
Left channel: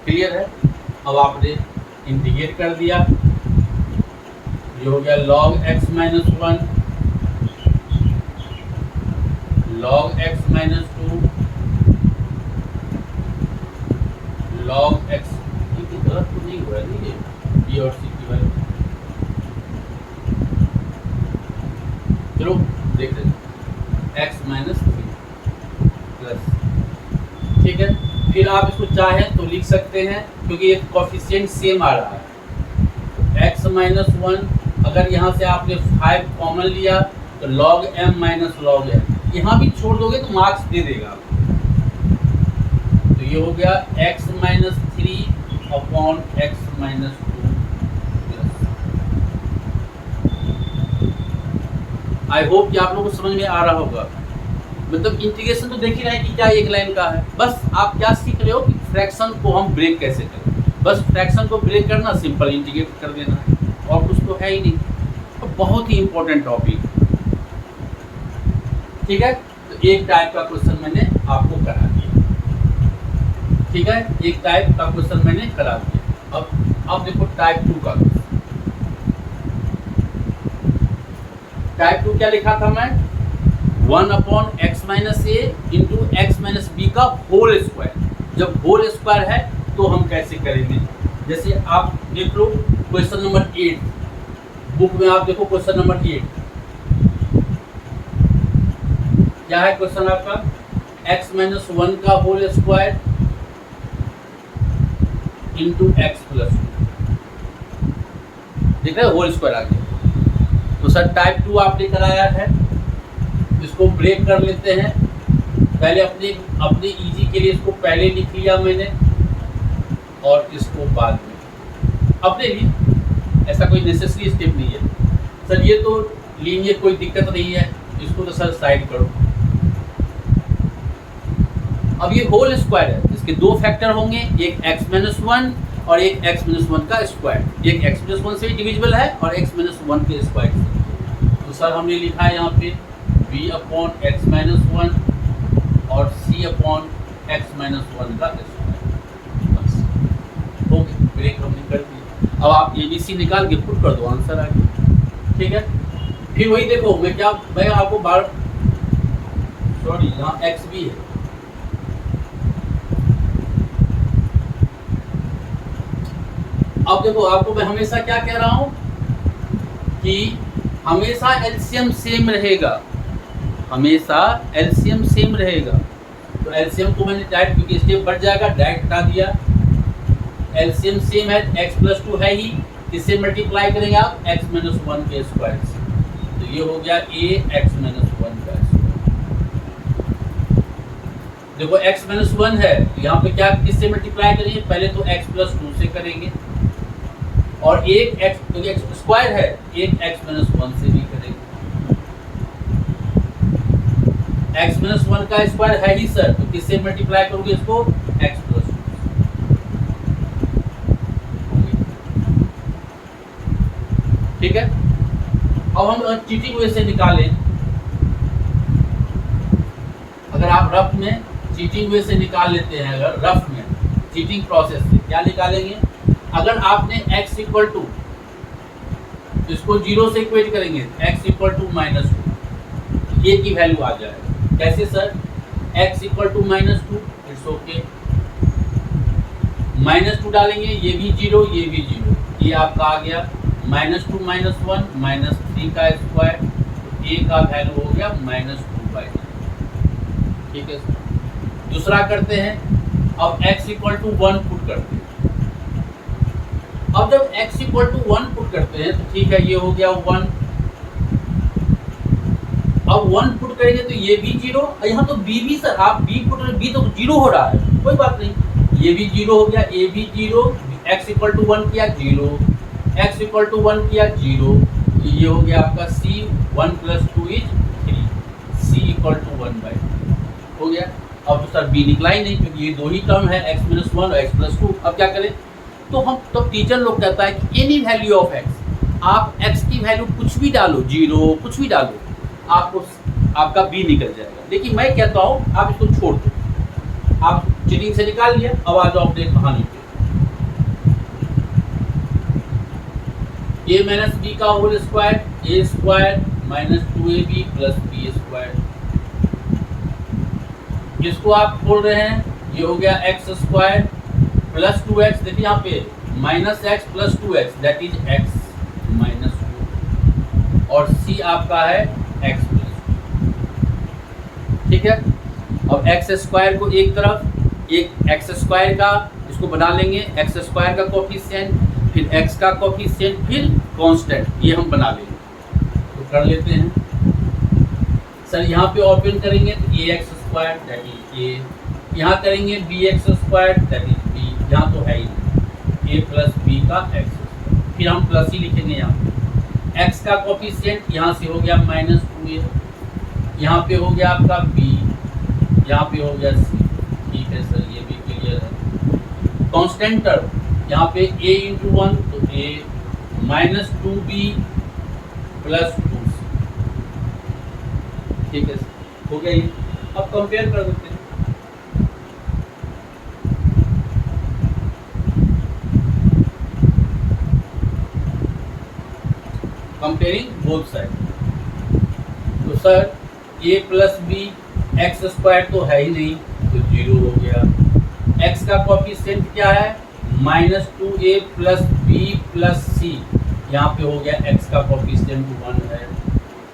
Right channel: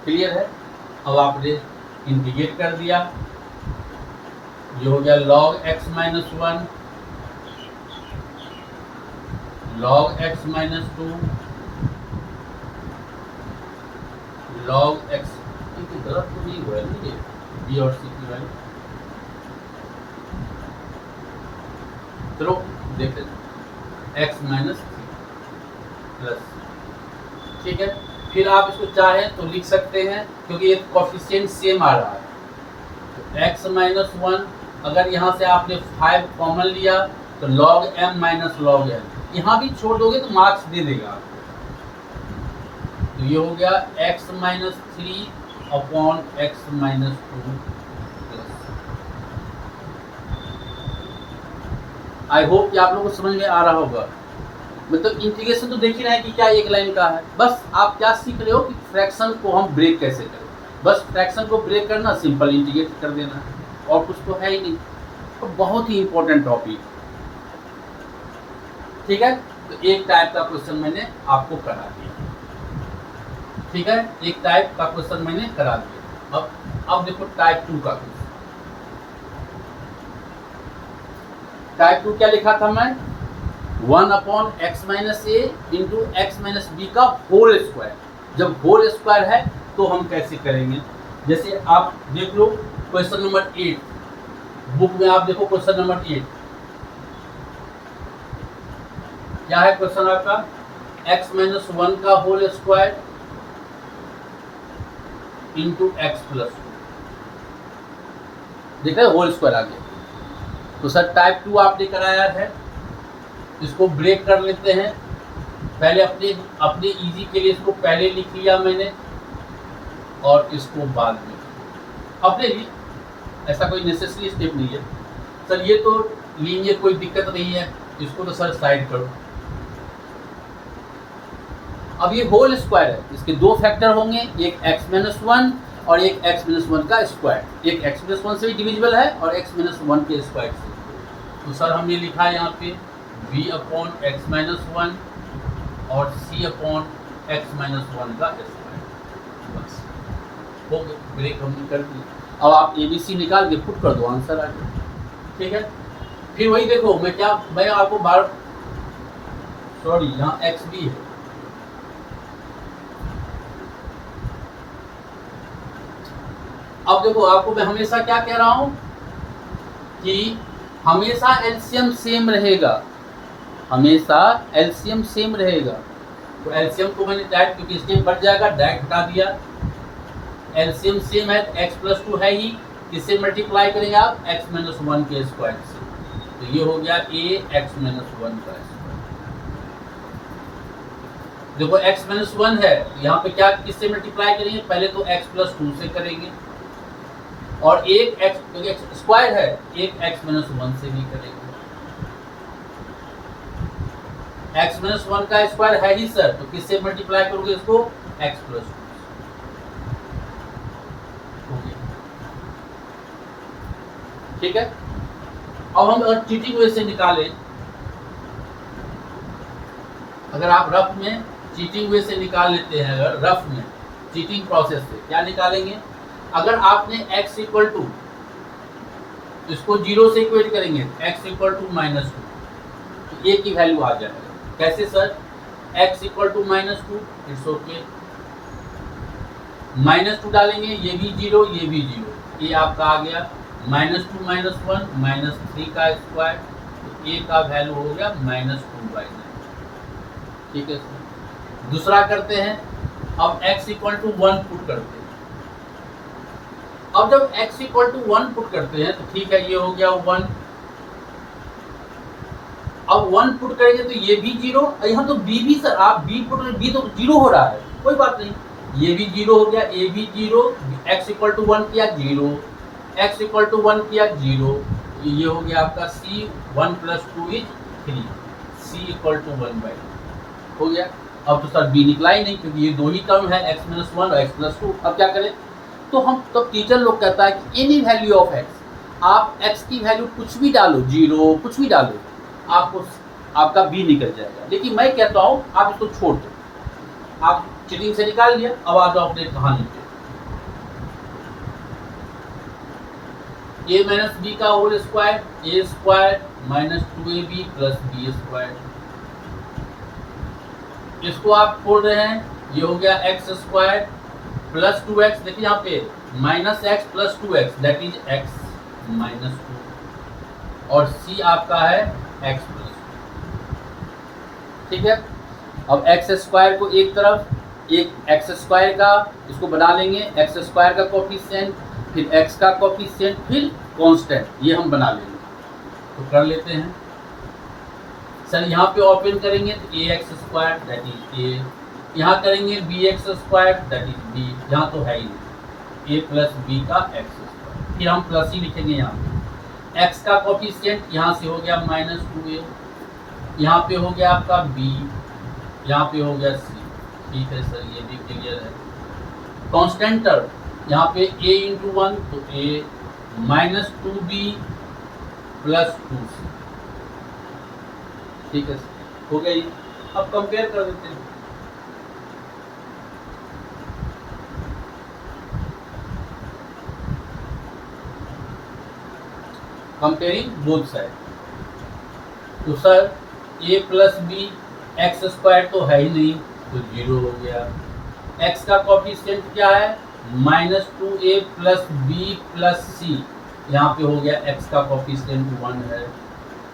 क्लियर है। अब आपने इंटीग्रेट कर दिया, ये हो गया log x - 1 log x - 2 log x। गलत तो नहीं हुआ है ये b और c की वैल्यू। चलो देख लेते हैं x - 3 प्लस, ठीक है। फिर आप इसको चाहें तो लिख सकते हैं क्योंकि ये कोफिशिएंट सेम आ रहा है। तो x - 1 अगर यहाँ से आपने 5 कॉमन लिया तो log m - log m, यहाँ भी छोड़ दोगे तो मार्क्स दे देगा आपको। तो ये हो गया x - 3 upon x - 2 plus. I hope कि आप लोगों को समझ में आ रहा होगा। मतलब इंटीग्रेशन तो देख ही रहे हैं कि क्या एक लाइन का है। बस आप क्या सीख रहे हो कि फ्रैक्शन को हम ब्रेक कैसे करें। बस फ्रैक्शन को ब्रेक करना, सिंपल इंटीग्रेट कर देना है, और कुछ तो है ही नहीं। तो बहुत ही इंपॉर्टेंट टॉपिक, ठीक है। तो एक टाइप का क्वेश्चन मैंने आपको करा दिया, ठीक है। एक टाइप का क्वेश्चन मैंने करा दिया। अब देखो टाइप 2 का क्वेश्चन। टाइप 2 क्या लिखा था मैं 1/x - a into x - b का होल स्क्वायर। जब होल स्क्वायर है तो हम कैसे करेंगे, जैसे आप देख लो क्वेश्चन नंबर 8 बुक में, आप देखो क्वेश्चन नंबर 8 क्या है क्वेश्चन आपका, x - 1 का होल स्क्वायर इंटू x + 2। देख रहे होल स्क्वायर आ गया। तो सर टाइप 2 आपने कराया है, इसको ब्रेक कर लेते हैं। पहले अपने इजी के लिए इसको पहले लिख लिया मैंने और इसको बाद में अपने लिए, ऐसा कोई नेसेसरी स्टेप नहीं है। सर ये तो लीनियर, कोई दिक्कत नहीं है, इसको तो सर साइड करो। अब ये होल स्क्वायर है, इसके दो फैक्टर होंगे, एक x - 1 और एक x - 1 का स्क्वायर। एक x - 1 से भी डिविजिबल है और x - 1 के स्क्वायर से। तो सर हमने लिखा है यहाँ पे b/x - 1 और c/x - 1 का स्क्वायर। बस हो गया, ब्रेक हमने कर दिया। अब आप ABC निकाल के पुट कर दो, आंसर आ गया, ठीक है। फिर वही देखो, मैं आपको बार सॉरी यहाँ x भी है। अब देखो आपको मैं हमेशा क्या कह रहा हूँ कि हमेशा एलसीएम सेम रहेगा, हमेशा एलसीएम सेम रहेगा। तो एलसीएम को मैंने डायरेक्ट, क्योंकि स्टेप बढ़ जाएगा, डायरेक्ट हटा दिया। एलसीएम सेम है, x + 2 है ही, किससे मल्टीप्लाई करेंगे आप x - 1 के स्क्वायर से। तो ये हो गया a x - 1 का स्क्वायर। देखो x माइनस 1 है, यहाँ पे क्या किससे मल्टीप्लाई करेंगे, पहले तो x प्लस 2 से करेंगे, और एक x स्क्वायर है, एक x माइनस 1 से भी करेंगे। x माइनस 1 का स्क्वायर है ही सर, तो किससे मल्टीप्लाई करोगे इसको, x प्लस 2। ठीक है, अब हम अगर चीटिंग वे से निकालें, अगर आप रफ में चीटिंग वे से निकाल लेते हैं, अगर रफ में चीटिंग प्रोसेस से क्या निकालेंगे, अगर आपने x इक्वल टू, इसको 0 से इक्वेट करेंगे, x इक्वल टू माइनस 2, ये की वैल्यू आ जाएगा। कैसे sir, x equal to minus 2, it's okay, minus 2 डालेंगे, ये भी 0, ये भी 0, ये आपका आ गया माइनस 2 माइनस 1 माइनस 3 का स्क्वायर, तो a का वैल्यू हो गया माइनस 2/9। ठीक है सर, दूसरा करते हैं, अब x इक्वल टू 1 पुट करते हैं। अब जब x इक्वल टू 1 पुट करते हैं तो ठीक है, ये हो गया 1, अब 1 पुट करेंगे तो ये भी 0, यहाँ तो b भी सर, आप b पुट करेंगे, b तो 0 हो रहा है, कोई बात नहीं, ये भी 0 हो गया, a भी 0, x इक्वल टू 1 किया 0, x इक्वल टू 1 किया 0, तो ये हो गया आपका c 1 plus 2 is 3, c equal to 1/2 हो गया। अब तो सर b निकला ही नहीं, क्योंकि ये दो ही टर्म है, x माइनस 1 और x प्लस 2। अब क्या करें, तो हम तब टीचर लोग कहता है कि एनी वैल्यू ऑफ x, आप x की वैल्यू कुछ भी डालो, 0 कुछ भी डालो, आपको आपका b निकल जाएगा। लेकिन मैं कहता हूँ आप इसको छोड़ दो, आप चीटिंग से निकाल लिया, अब आ जाओ अपने कहानी पे, a माइनस बी का whole square, a square minus 2ab plus b square, जिसको आप खोल रहे हैं, ये हो गया x स्क्वायर प्लस 2x, देखिए यहाँ पे minus x plus 2x that is x minus 2, और c आपका है x प्लस 2। ठीक है, अब x स्क्वायर को एक तरफ, एक x स्क्वायर का इसको बना लेंगे, x स्क्वायर का कोफिशिएंट, फिर x का कोफिशिएंट, फिर कांस्टेंट, ये हम बना लेंगे। तो कर लेते हैं सर, यहाँ पे ओपन करेंगे तो ax square that is a, यहाँ करेंगे bx square that is b, यहाँ तो है ही नहीं, a प्लस b का x स्क्वायर, फिर हम प्लस ही लिखेंगे यहाँ पे, x का कोफिशिएंट यहाँ से हो गया माइनस 2a, यहाँ पे हो गया आपका b, यहाँ पे हो गया c। ठीक है सर, ये भी क्लियर है। कांस्टेंट टर्म यहाँ पे a इंटू 1 तो a minus 2b plus 2c। ठीक है सर, हो गया ये। अब कंपेयर कर देते हैं, कंपेयरिंग बोथ साइड, तो sir a plus B, x square तो है ही नहीं तो 0 हो गया, x का कोफिशिएंट क्या है minus 2a plus b plus c, यहाँ पे हो गया x का कोफिशिएंट 1 है।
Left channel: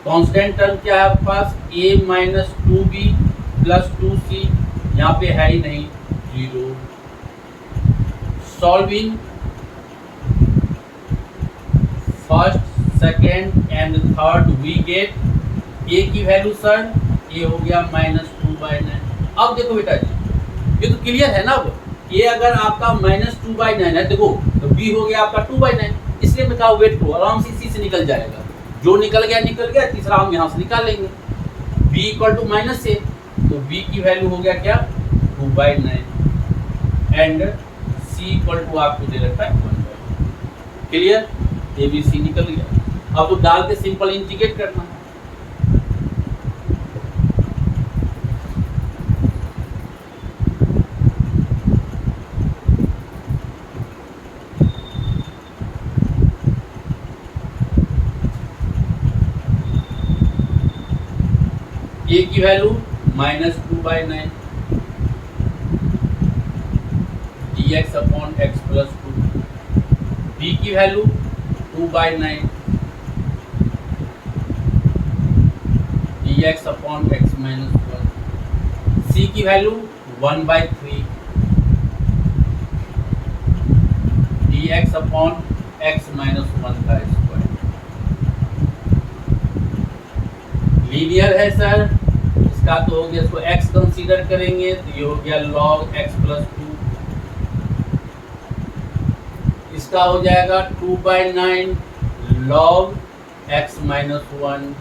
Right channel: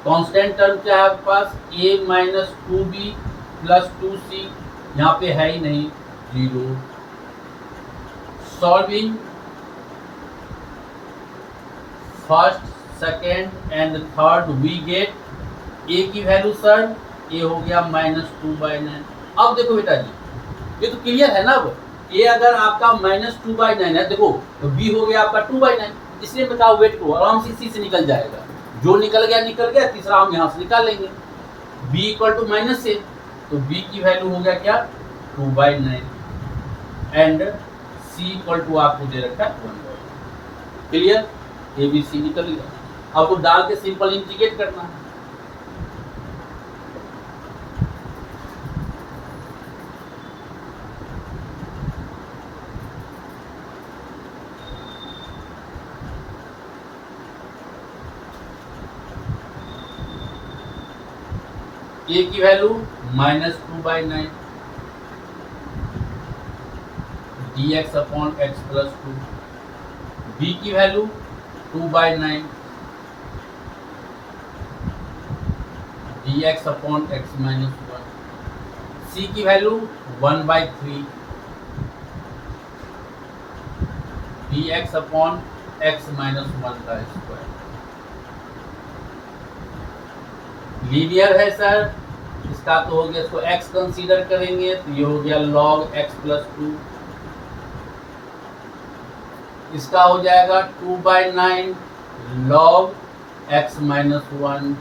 कांस्टेंट टर्म क्या है आपके पास, a minus 2b plus 2c, यहाँ पे है ही नहीं 0। Solving first second and third we get a की वैल्यू सर, a हो गया माइनस 2/9। अब देखो बेटा जी, ये तो क्लियर है ना, अब a अगर आपका माइनस 2/9 है, देखो तो b हो गया आपका 2/9, इसलिए मैं कहा वेट करो, आराम से इसी से निकल जाएगा, जो निकल गया, तीसरा हम यहाँ से निकाल लेंगे। b equal to minus a, तो b की वैल्यू हो गया क्या 2/9, एंड c इक्वल टू आपको दे रखा है 1/9। क्लियर, a b c निकल गया। अब तो डाल के सिंपल इंटीग्रेट करना है। a की value minus 2/9 dx upon x plus 2, b की value 2/9 dx upon x minus 1, c की value 1/3 dx upon x minus 1 का स्क्वायर। लीनियर है सर, इसका तो हो गया, इसको x कंसीडर करेंगे तो ये हो गया log x प्लस 2, इसका हो जाएगा 2/9 log x माइनस 1।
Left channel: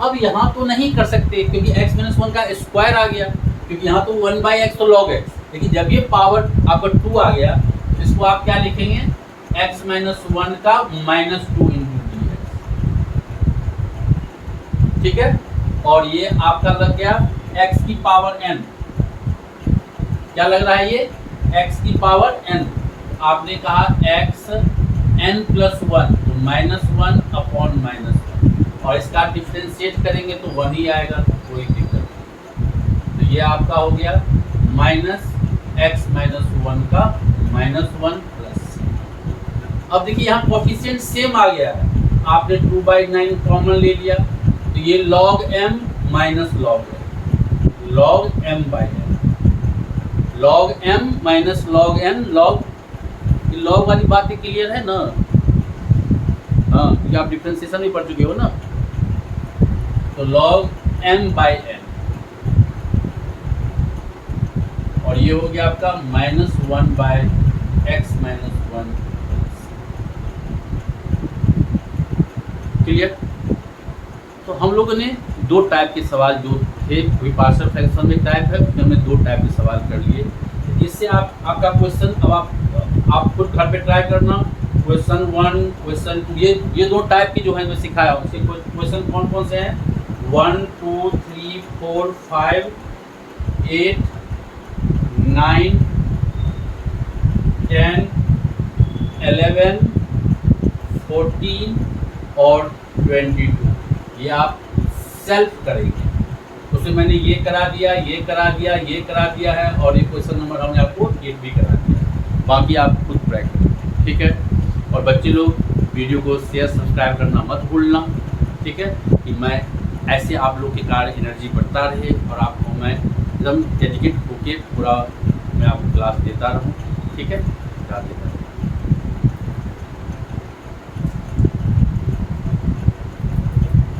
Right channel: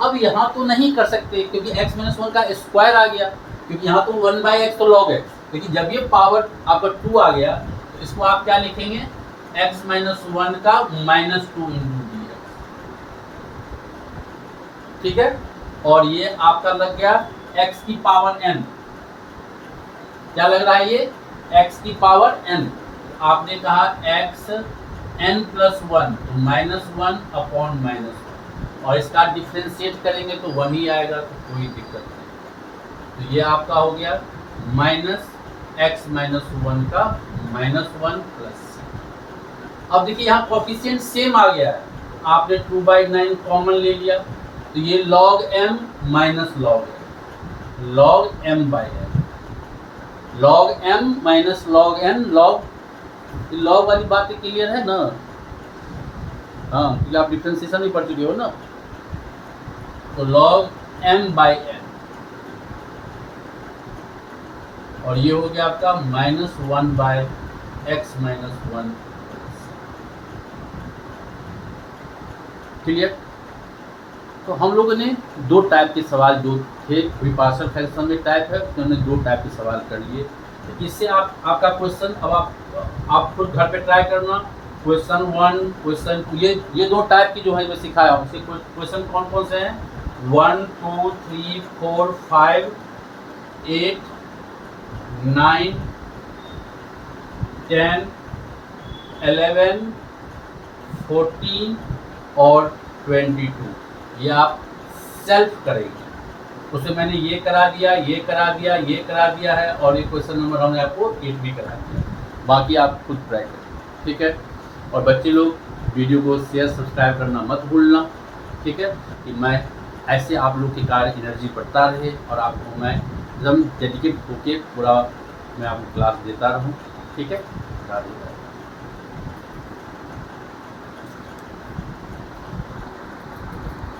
अब यहाँ तो नहीं कर सकते क्योंकि x माइनस 1 का स्क्वायर आ गया, क्योंकि यहाँ तो 1/x तो log x, लेकिन जब ये पावर आपका 2 आ गया तो इसको आप क्या लिखेंगे, x माइनस 1 का माइनस 2 इंटू डी एक्स, ठीक है। और ये आपका लग गया x की पावर n, क्या लग रहा है ये x की पावर n। आपने कहा x n प्लस 1 तो माइनस 1 अपॉन माइनस 1, और इसका डिफ्रेंशिएट करेंगे तो 1 ही आएगा, तो कोई दिक्कत नहीं। तो ये आपका हो गया माइनस x माइनस 1 का माइनस 1 प्लस। अब देखिए यहाँ कोफिशिएंट सेम आ गया है, आपने 2/9 कॉमन ले लिया तो ये log m minus log n, log m by n, log m minus log n, log वाली बातें क्लियर है ना। हाँ, क्योंकि आप डिफ्रेंशिएशन भी पढ़ चुके हो ना। तो log m बाई n, और ये हो गया आपका minus 1 by x minus 1। Clear. तो हम लोगों ने दो टाइप के सवाल जो थे, अभी पार्शियल फ्रैक्शन में टाइप है, उसमें हमने दो टाइप के सवाल कर लिए। इससे आपका क्वेश्चन अब आप खुद घर पे ट्राई करना। क्वेश्चन 1, क्वेश्चन 2, ये दो टाइप की जो है मैं सिखाया हूँ। क्वेश्चन कौन कौन से हैं, 1, 2, 3, 4, 5, 8, 9, 10, 11, 14 और 22, ये आप सेल्फ करेंगे। उसमें मैंने ये करा दिया, ये करा दिया, ये करा दिया है, और ये क्वेश्चन नंबर हमने आपको 8 भी करा दिया। बाकी आप खुद ट्राई करें, ठीक है। और बच्चे लोग वीडियो को शेयर सब्सक्राइब करना मत भूलना, ठीक है, कि मैं ऐसे आप लोग के कार्य एनर्जी बढ़ता रहे और आपको मैं एकदम डेडिकेट होके पूरा मैं आपको क्लास देता रहूँ, ठीक है।